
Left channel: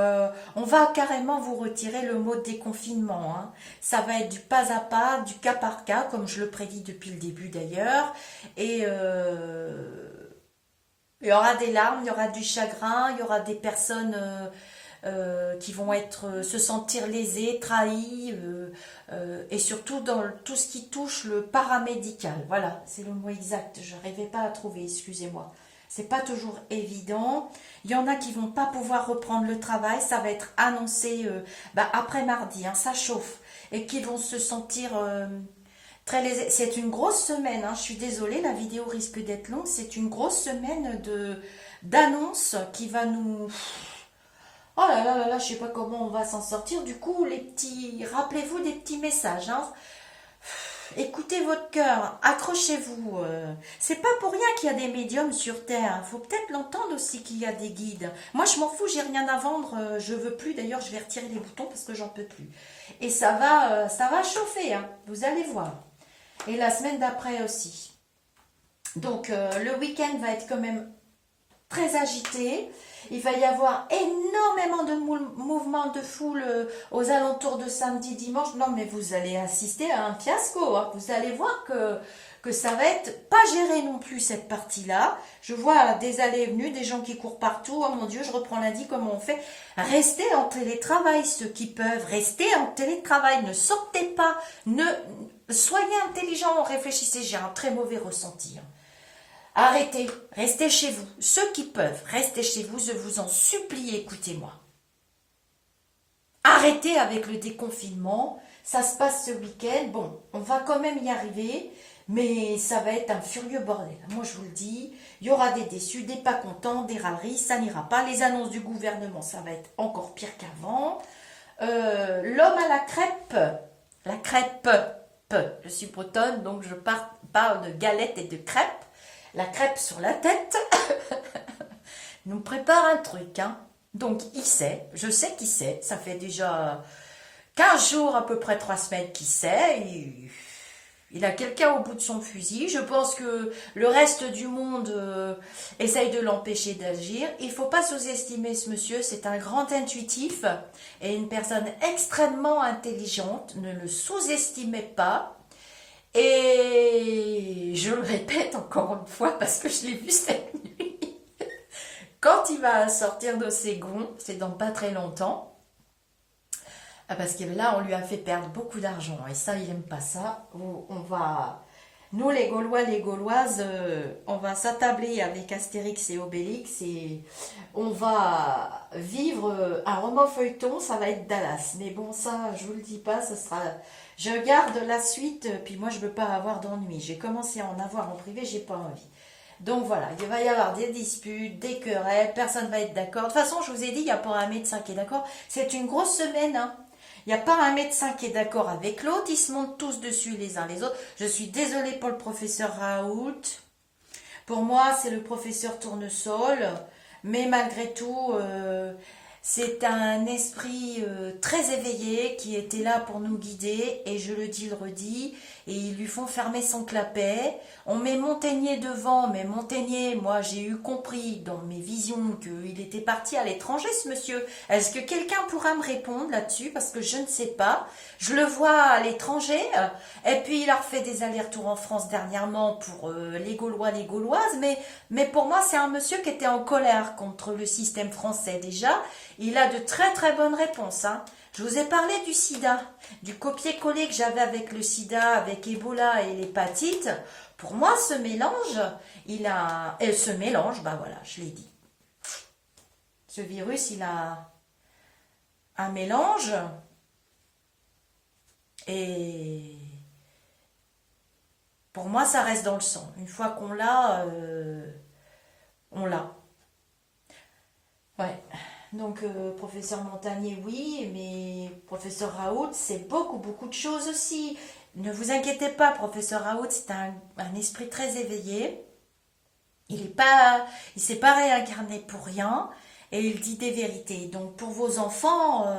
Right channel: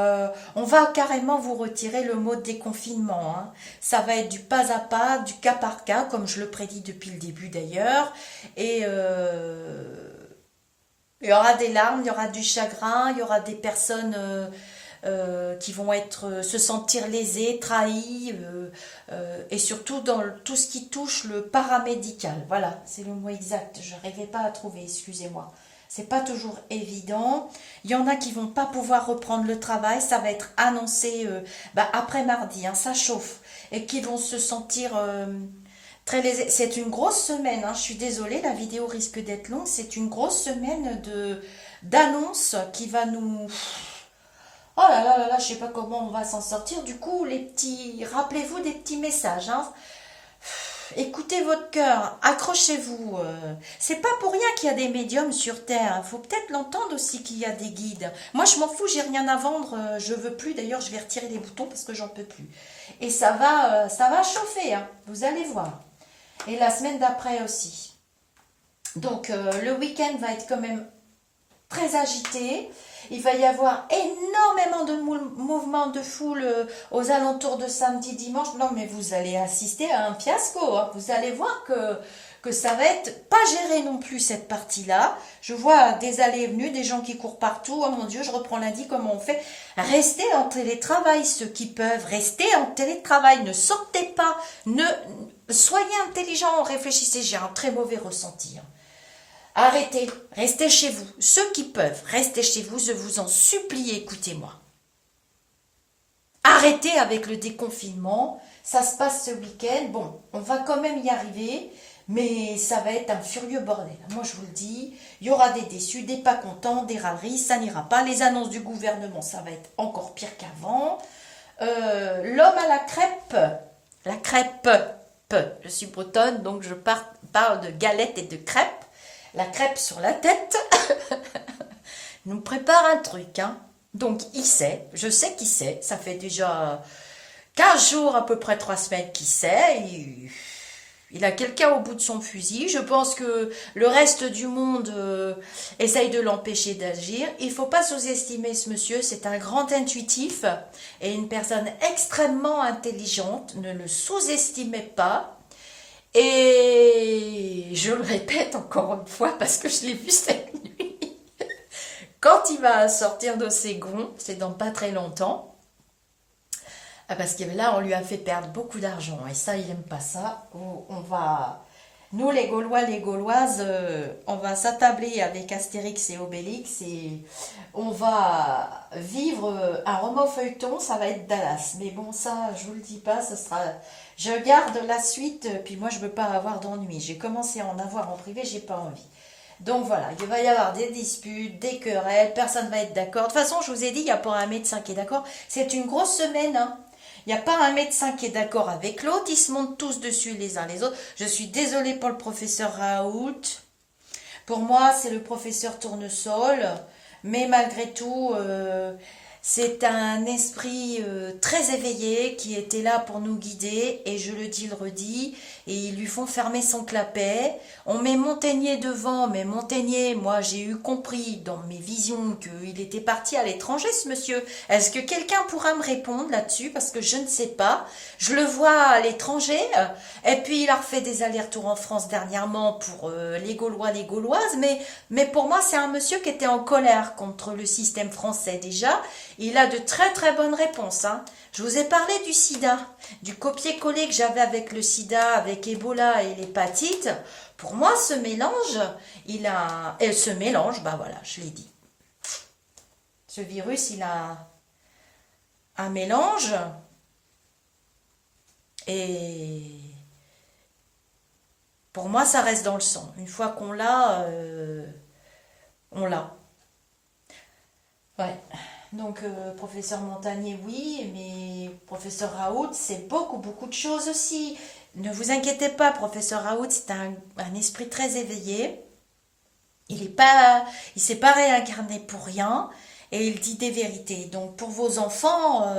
on va carrément vous retirer le mot déconfinement, hein. Ça va être du pas à pas, du cas par cas, comme je le prédis depuis le début d'ailleurs. Et il y aura des larmes, il y aura du chagrin, il y aura des personnes qui vont se sentir lésées, trahies, et surtout dans tout ce qui touche le paramédical. Voilà, c'est le mot exact. Je n'arrivais pas à trouver, excusez-moi. C'est pas toujours évident. Il y en a qui vont pas pouvoir reprendre le travail. Ça va être annoncé après mardi, hein, ça chauffe. Et qui vont se sentir très lésés. C'est une grosse semaine, hein, je suis désolée, la vidéo risque d'être longue. C'est une grosse semaine d'annonces qui va nous... Oh là là là là, je sais pas comment on va s'en sortir. Du coup, rappelez-vous des petits messages, hein. Écoutez votre cœur, accrochez-vous. C'est pas pour rien qu'il y a des médiums sur Terre. Il faut peut-être l'entendre aussi qu'il y a des guides. Moi, je m'en fous, j'ai rien à vendre. Je veux plus. D'ailleurs, je vais retirer les boutons parce que j'en peux plus. Et ça va chauffer, hein. Vous allez voir. Et la semaine d'après aussi. Donc, le week-end va être quand même très agité. Il va y avoir énormément de mouvements de foule aux alentours de samedi, dimanche. Non, mais vous allez assister à un fiasco, hein. Vous allez voir que ça va être pas géré non plus, cette partie-là. Je vois des allées et venues, des gens qui courent partout. Oh mon Dieu, je reprends lundi, comment on fait? Restez en télétravail, ceux qui peuvent. Restez en télétravail, ne sortez pas. Soyez intelligents, réfléchissez. J'ai un très mauvais ressenti, hein. Arrêtez, restez chez vous. Ceux qui peuvent, restez chez vous, je vous en supplie, écoutez-moi. Arrêtez avec le déconfinement, ça se passe ce week-end. Bon, on va quand même y arriver, mais ça va être un furieux bordel. Moi, je vous le dis, il y aura des déçus, des pas contents, des râleries, ça n'ira pas. Les annonces du gouvernement, ça va être encore pire qu'avant. L'homme à la crêpe, je suis bretonne, donc je parle de galettes et de crêpes. La crêpe sur la tête, nous prépare un truc, hein. Donc il sait, je sais qu'il sait, ça fait déjà 15 jours, à peu près 3 semaines qu'il sait, il a quelqu'un au bout de son fusil. Je pense que le reste du monde essaye de l'empêcher d'agir. Il ne faut pas sous-estimer ce monsieur, c'est un grand intuitif et une personne extrêmement intelligente, ne le sous-estimez pas. Et je le répète encore une fois parce que je l'ai vu cette nuit. Quand il va sortir de ses gonds, c'est dans pas très longtemps, parce que là on lui a fait perdre beaucoup d'argent et ça il aime pas ça. Nous les Gaulois, les Gauloises, on va s'attabler avec Astérix et Obélix et on va vivre un roman feuilleton, ça va être Dallas. Mais bon, ça, je vous le dis pas, ça sera... Je garde la suite, puis moi je veux pas avoir d'ennui. J'ai commencé à en avoir en privé, j'ai pas envie. Donc voilà, il va y avoir des disputes, des querelles, personne va être d'accord. De toute façon, je vous ai dit, il n'y a pas un médecin qui est d'accord. C'est une grosse semaine, hein. Il n'y a pas un médecin qui est d'accord avec l'autre, ils se montent tous dessus les uns les autres. Je suis désolée pour le professeur Raoult. Pour moi, c'est le professeur Tournesol. Mais malgré tout, c'est un esprit très éveillé qui était là pour nous guider. Et je le dis, le redis. Et ils lui font fermer son clapet. On met Montaigne devant, mais Montaigne, moi j'ai eu compris dans mes visions qu'il était parti à l'étranger ce monsieur. Est-ce que quelqu'un pourra me répondre là-dessus? Parce que je ne sais pas. Je le vois à l'étranger, et puis il a refait des allers-retours en France dernièrement pour les Gaulois, les Gauloises, mais pour moi c'est un monsieur qui était en colère contre le système français déjà. Il a de très très bonnes réponses, hein. Je vous ai parlé du sida, du copier-coller que j'avais avec le sida, avec Ebola et l'hépatite. Pour moi, ce mélange, ce mélange, bah voilà, je l'ai dit. Ce virus, il a un mélange et pour moi, ça reste dans le sang. Une fois qu'on l'a, On l'a. Ouais. Donc, professeur Montagnier, oui, mais professeur Raoult, c'est beaucoup, beaucoup de choses aussi. Ne vous inquiétez pas, professeur Raoult, c'est un esprit très éveillé. Il s'est pas réincarné pour rien et il dit des vérités. Donc, pour vos enfants,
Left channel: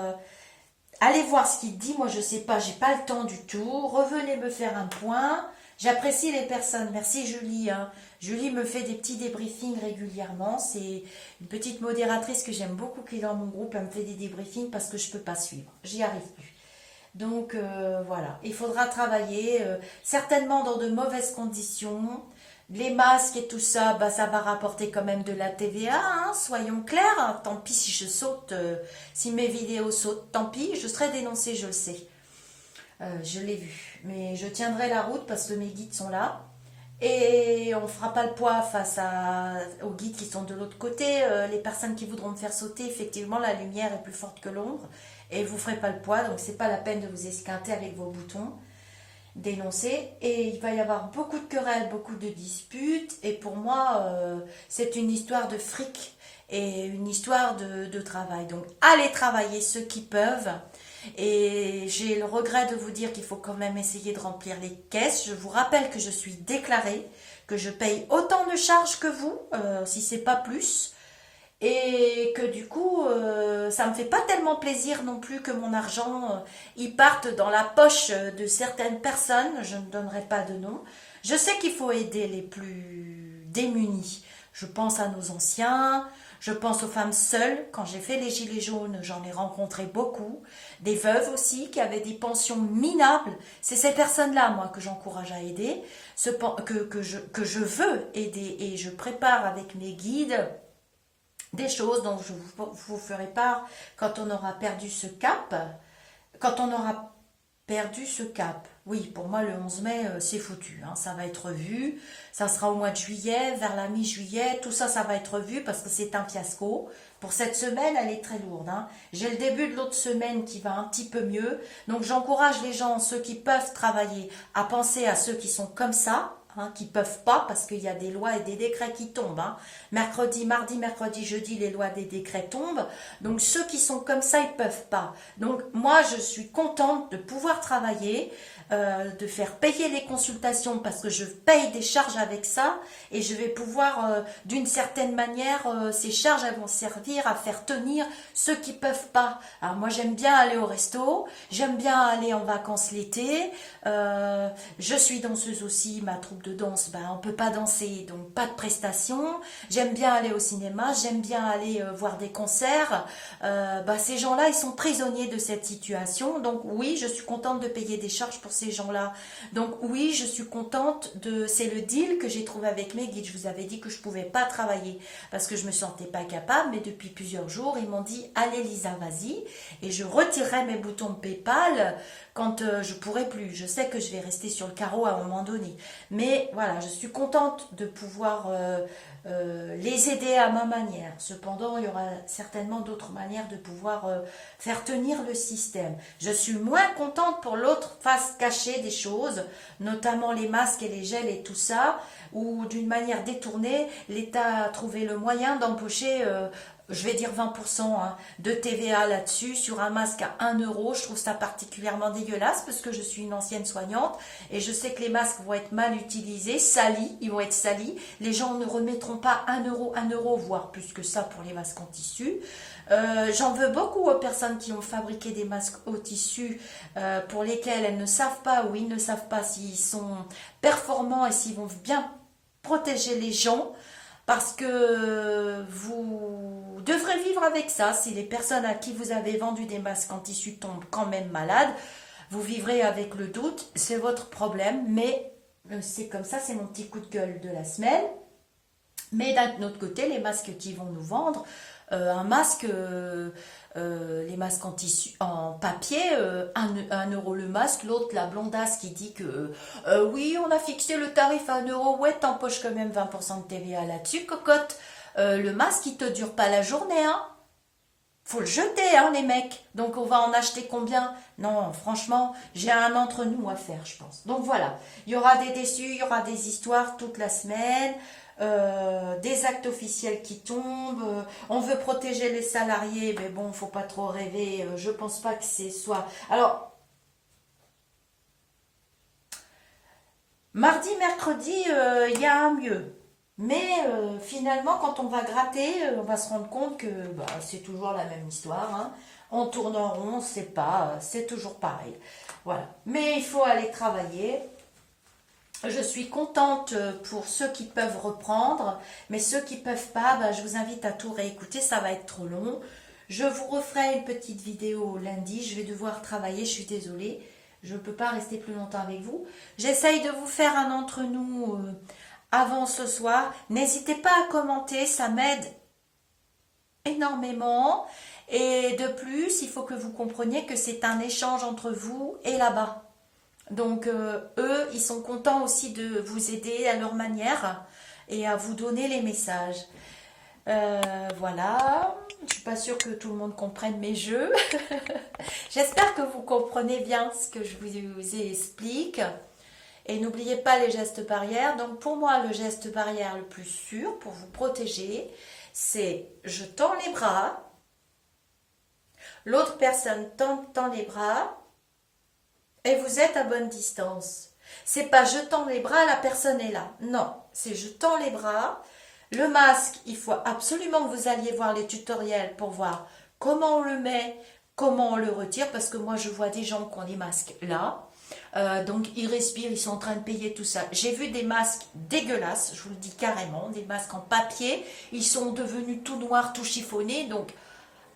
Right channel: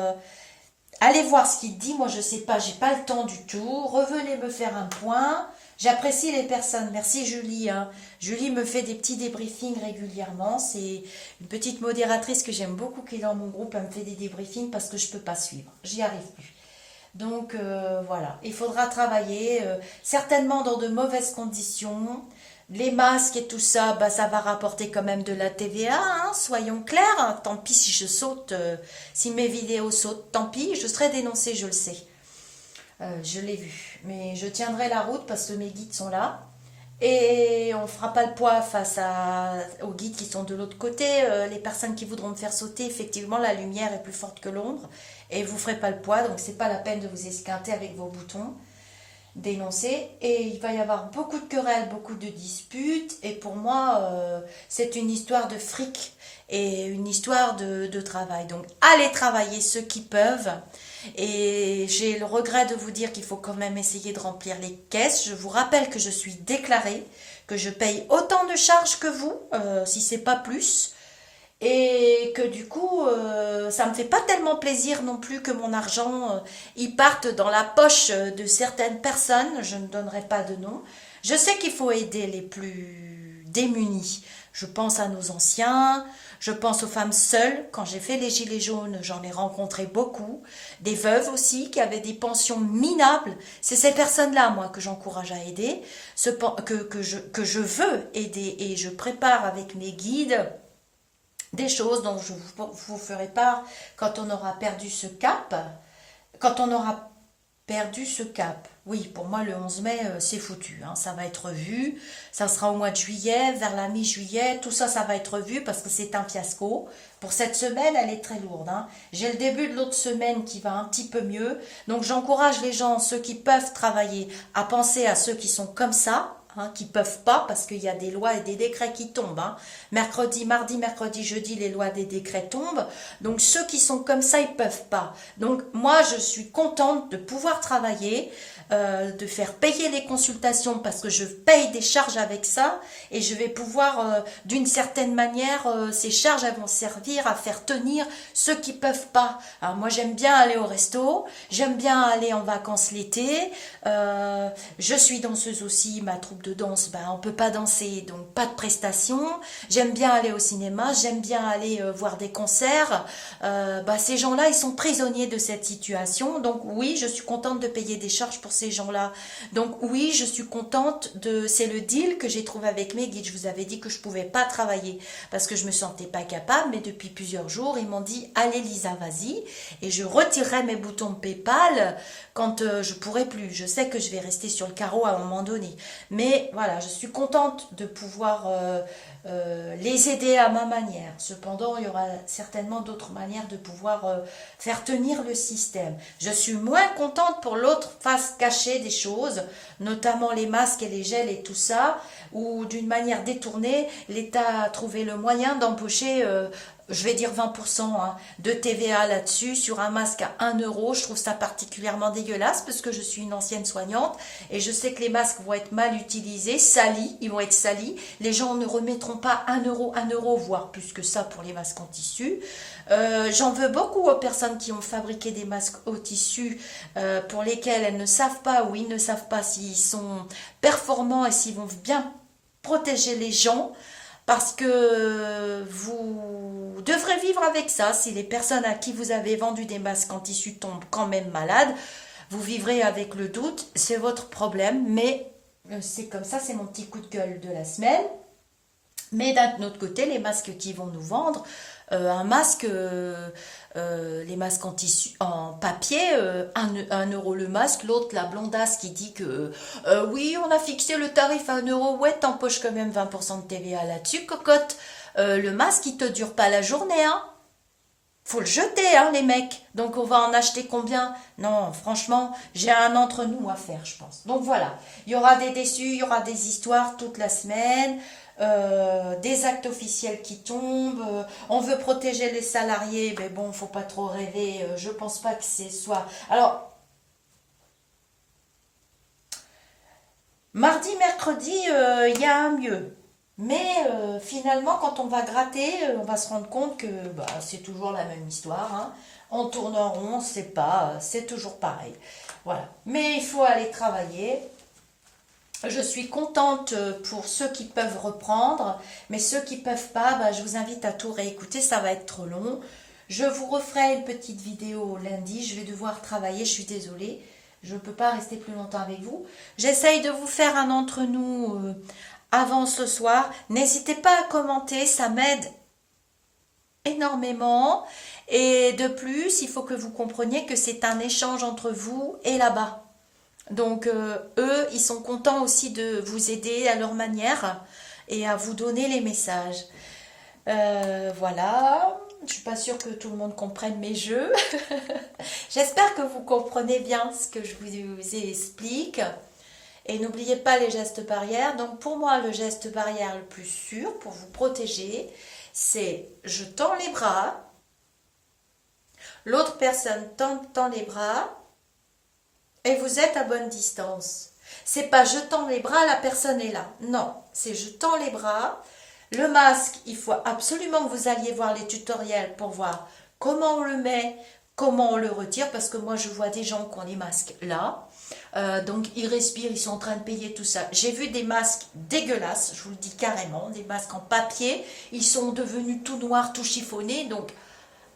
allez voir ce qu'il dit. Moi, je sais pas, j'ai pas le temps du tout. Revenez me faire un point. J'apprécie les personnes. Merci Julie, hein. Julie me fait des petits débriefings régulièrement. C'est une petite modératrice que j'aime beaucoup qui est dans mon groupe. Elle me fait des débriefings parce que je peux pas suivre. J'y arrive plus. Donc voilà, il faudra travailler certainement dans de mauvaises conditions. Les masques et tout ça, bah, ça va rapporter quand même de la TVA, hein, soyons clairs. Hein. Tant pis si je saute, si mes vidéos sautent, tant pis, je serai dénoncée, je le sais. Je l'ai vu. Mais je tiendrai la route parce que mes guides sont là. Et on ne fera pas le poids aux guides qui sont de l'autre côté. Les personnes qui voudront me faire sauter, effectivement, la lumière est plus forte que l'ombre. Et vous ne ferez pas le poids, donc c'est pas la peine de vous esquinter avec vos boutons. Dénoncer. Et il va y avoir beaucoup de querelles, beaucoup de disputes. Et pour moi, c'est une histoire de fric et une histoire de travail. Donc allez travailler ceux qui peuvent. Et j'ai le regret de vous dire qu'il faut quand même essayer de remplir les caisses. Je vous rappelle que je suis déclarée, que je paye autant de charges que vous, si c'est pas plus. Et que du coup, ça me fait pas tellement plaisir non plus que mon argent il parte dans la poche de certaines personnes. Je ne donnerai pas de nom. Je sais qu'il faut aider les plus démunis. Je pense à nos anciens, je pense aux femmes seules. Quand j'ai fait les gilets jaunes, j'en ai rencontré beaucoup. Des veuves aussi qui avaient des pensions minables. C'est ces personnes-là, moi, que j'encourage à aider, que je veux aider. Et je prépare avec mes guides des choses dont je vous ferai part quand on aura perdu ce cap. Quand on aura perdu ce cap. Oui, pour moi, le 11 mai, c'est foutu. Hein. Ça va être vu. Ça sera au mois de juillet, vers la mi-juillet. Tout ça, ça va être vu parce que c'est un fiasco. Pour cette semaine, elle est très lourde. Hein. J'ai le début de l'autre semaine qui va un petit peu mieux. Donc, j'encourage les gens, ceux qui peuvent travailler, à penser à ceux qui sont comme ça. Hein, qui peuvent pas parce qu'il y a des lois et des décrets qui tombent. Hein. Mercredi, mardi, mercredi, jeudi, les lois des décrets tombent. Donc ceux qui sont comme ça, ils peuvent pas. Donc moi, je suis contente de pouvoir travailler, de faire payer les consultations parce que je paye des charges avec ça et je vais pouvoir, d'une certaine manière, ces charges elles vont servir à faire tenir ceux qui peuvent pas. Alors moi, j'aime bien aller au resto, j'aime bien aller en vacances l'été. Je suis danseuse aussi, ma troupe de danse, ben, on peut pas danser, donc pas de prestations. J'aime bien aller au cinéma, j'aime bien aller voir des concerts. Ben, ces gens-là, ils sont prisonniers de cette situation. Donc oui, je suis contente de payer des charges pour ces gens-là. Donc oui, je suis contente de... C'est le deal que j'ai trouvé avec mes guides. Je vous avais dit que je pouvais pas travailler parce que je me sentais pas capable, mais depuis plusieurs jours, ils m'ont dit, allez Lisa, vas-y. Et je retirerai mes boutons PayPal quand je pourrai plus. Je sais que je vais rester sur le carreau à un moment donné. Mais voilà, je suis contente de pouvoir les aider à ma manière. Cependant, il y aura certainement d'autres manières de pouvoir faire tenir le système. Je suis moins contente pour l'autre face cachée des choses, notamment les masques et les gels et tout ça, où d'une manière détournée, l'État a trouvé le moyen d'empocher je vais dire 20% hein, de TVA là-dessus, sur un masque à 1 euro. Je trouve ça particulièrement dégueulasse parce que je suis une ancienne soignante et je sais que les masques vont être mal utilisés, salis, ils vont être salis. Les gens ne remettront pas 1 euro, voire plus que ça pour les masques en tissu. J'en veux beaucoup aux personnes qui ont fabriqué des masques au tissu pour lesquels elles ne savent pas ou ils ne savent pas s'ils sont performants et s'ils vont bien protéger les gens. Parce que vous devrez vivre avec ça. Si les personnes à qui vous avez vendu des masques en tissu tombent quand même malades, vous vivrez avec le doute. C'est votre problème. Mais c'est comme ça, c'est mon petit coup de gueule de la semaine. Mais d'un autre côté, les masques qui vont nous vendre, un masque, les masques en tissu, en papier, 1 euro le masque. L'autre, la blondasse qui dit que oui, on a fixé le tarif à 1 euro. Ouais, t'empoches quand même 20% de TVA là-dessus, cocotte. Le masque, il te dure pas la journée, hein. Faut le jeter, hein, les mecs. Donc, on va en acheter combien? Non, franchement, j'ai un entre-nous à faire, je pense. Donc, voilà. Il y aura des déçus, il y aura des histoires toute la semaine. des actes officiels qui tombent, on veut protéger les salariés, mais bon, faut pas trop rêver, je pense pas que c'est soit... Alors, mardi, mercredi, il y a un mieux. Mais finalement, quand on va gratter, on va se rendre compte que bah, c'est toujours la même histoire, hein. On tourne en rond, c'est pas, c'est toujours pareil. Voilà. Mais il faut aller travailler. Je suis contente pour ceux qui peuvent reprendre, mais ceux qui peuvent pas, bah, je vous invite à tout réécouter, ça va être trop long. Je vous referai une petite vidéo lundi, je vais devoir travailler, je suis désolée, je ne peux pas rester plus longtemps avec vous. J'essaye de vous faire un entre nous avant ce soir. N'hésitez pas à commenter, ça m'aide énormément. Et de plus, il faut que vous compreniez que c'est un échange entre vous et là-bas. Donc eux, ils sont contents aussi de vous aider à leur manière et à vous donner les messages. Voilà, je suis pas sûre que tout le monde comprenne mes jeux. J'espère que vous comprenez bien ce que je vous explique. Et n'oubliez pas les gestes barrières. Donc pour moi, le geste barrière le plus sûr pour vous protéger, c'est je tends les bras, l'autre personne tend les bras, et vous êtes à bonne distance. C'est pas je tends les bras, la personne est là. Non, c'est je tends les bras. Le masque, il faut absolument que vous alliez voir les tutoriels pour voir comment on le met, comment on le retire, parce que moi je vois des gens qui ont des masques là. Donc ils respirent, ils sont en train de payer tout ça. J'ai vu des masques dégueulasses, je vous le dis carrément, des masques en papier. Ils sont devenus tout noirs, tout chiffonnés, donc...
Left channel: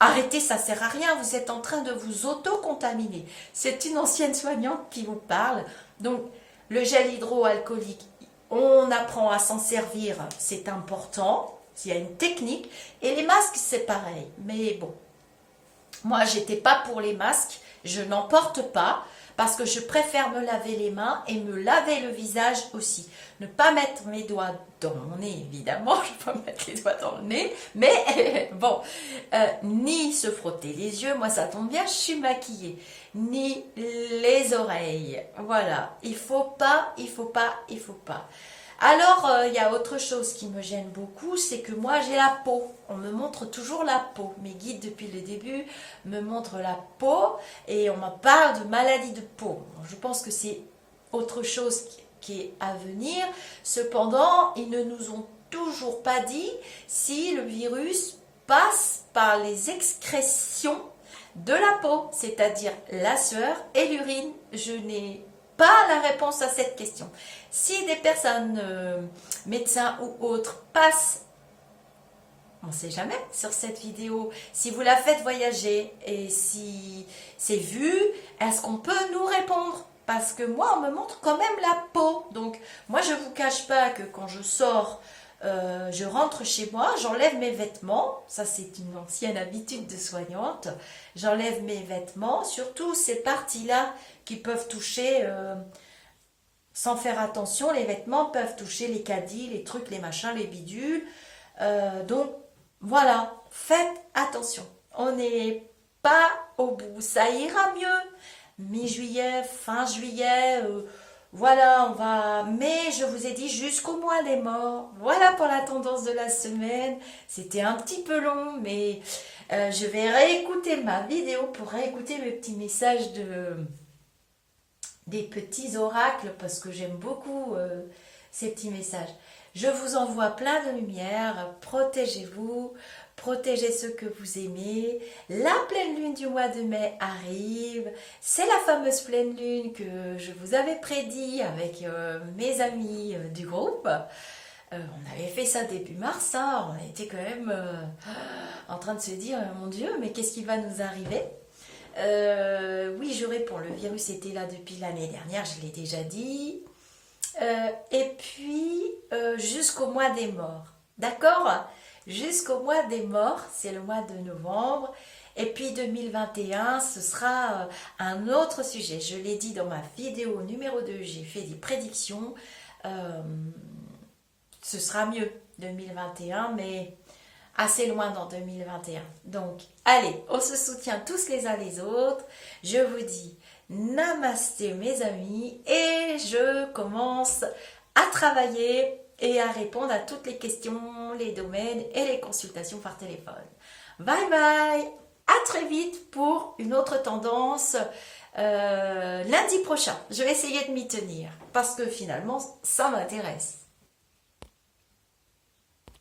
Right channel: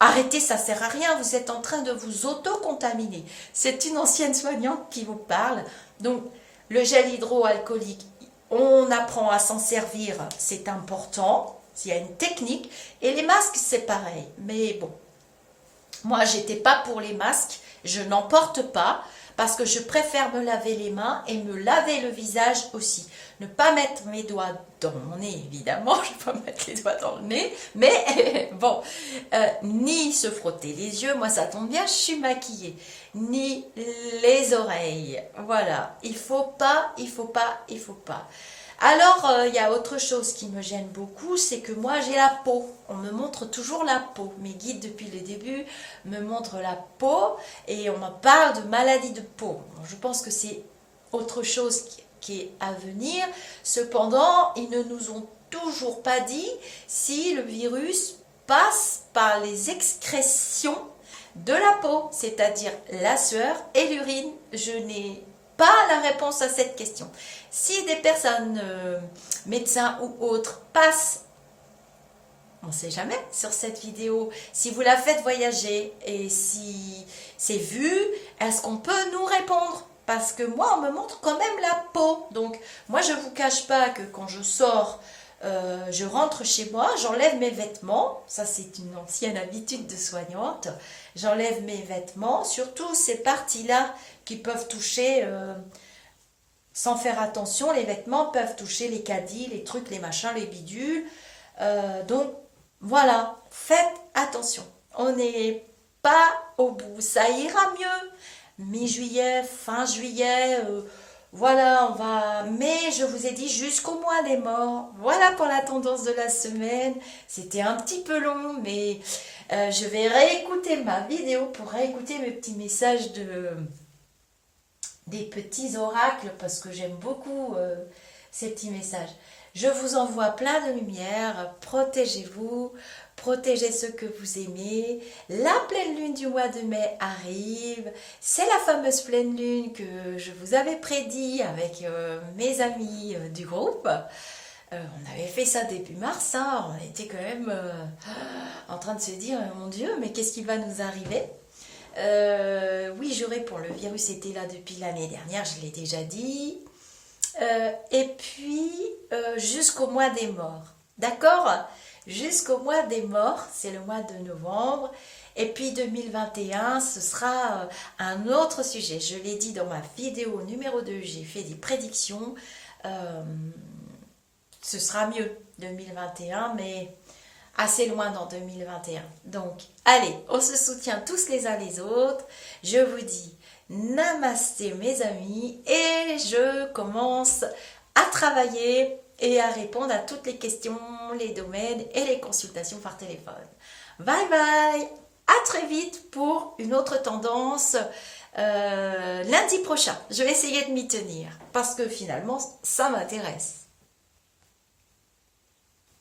Arrêtez, ça sert à rien, vous êtes en train de vous auto-contaminer. C'est une ancienne soignante qui vous parle. Donc, le gel hydroalcoolique, on apprend à s'en servir, c'est important, il y a une technique. Et les masques, c'est pareil. Mais bon, moi, j'étais pas pour les masques, je n'en porte pas parce que je préfère me laver les mains et me laver le visage aussi. Ne pas mettre mes doigts dans mon nez, évidemment, je ne vais pas mettre les doigts dans le nez, mais bon, ni se frotter les yeux, moi ça tombe bien, je suis maquillée, ni les oreilles, voilà, il faut pas, il faut pas, il faut pas. Alors, il y a autre chose qui me gêne beaucoup, c'est que moi j'ai la peau. On me montre toujours la peau. Mes guides depuis le début me montrent la peau et on me parle de maladie de peau. Je pense que c'est autre chose qui est à venir. Cependant, ils ne nous ont toujours pas dit si le virus passe par les excrétions de la peau, c'est-à-dire la sueur et l'urine. Je n'ai pas la réponse à cette question. Si des personnes, médecins ou autres, passent, on ne sait jamais, sur cette vidéo, si vous la faites voyager et si c'est vu, est-ce qu'on peut nous répondre? Parce que moi, on me montre quand même la peau. Donc, moi, je ne vous cache pas que quand je sors, je rentre chez moi, j'enlève mes vêtements. Ça, c'est une ancienne habitude de soignante. J'enlève mes vêtements, surtout ces parties-là qui peuvent toucher... sans faire attention, les vêtements peuvent toucher les caddies, les trucs, les machins, les bidules. Donc, voilà, faites attention. On n'est pas au bout. Ça ira mieux. Mi-juillet, fin juillet, voilà, on va... Mais je vous ai dit jusqu'au mois des morts. Voilà pour la tendance de la semaine. C'était un petit peu long, mais je vais réécouter ma vidéo pour réécouter mes petits messages des petits oracles parce que j'aime beaucoup ces petits messages. Je vous envoie plein de lumière, protégez-vous, protégez ceux que vous aimez. La pleine lune du mois de mai arrive, c'est la fameuse pleine lune que je vous avais prédit avec mes amis du groupe. On avait fait ça début mars, hein. On était quand même en train de se dire, mon Dieu, mais qu'est-ce qui va nous arriver? Oui, je réponds, le virus était là depuis l'année dernière, je l'ai déjà dit. Et puis, jusqu'au mois des morts. D'accord? Jusqu'au mois des morts, c'est le mois de novembre. Et puis 2021, ce sera un autre sujet. Je l'ai dit dans ma vidéo numéro 2, j'ai fait des prédictions. Ce sera mieux 2021, mais... assez loin dans 2021. Donc, allez, on se soutient tous les uns les autres. Je vous dis namasté mes amis et je commence à travailler et à répondre à toutes les questions, les domaines et les consultations par téléphone. Bye bye, à très vite pour une autre tendance lundi prochain. Je vais essayer de m'y tenir parce que finalement ça m'intéresse.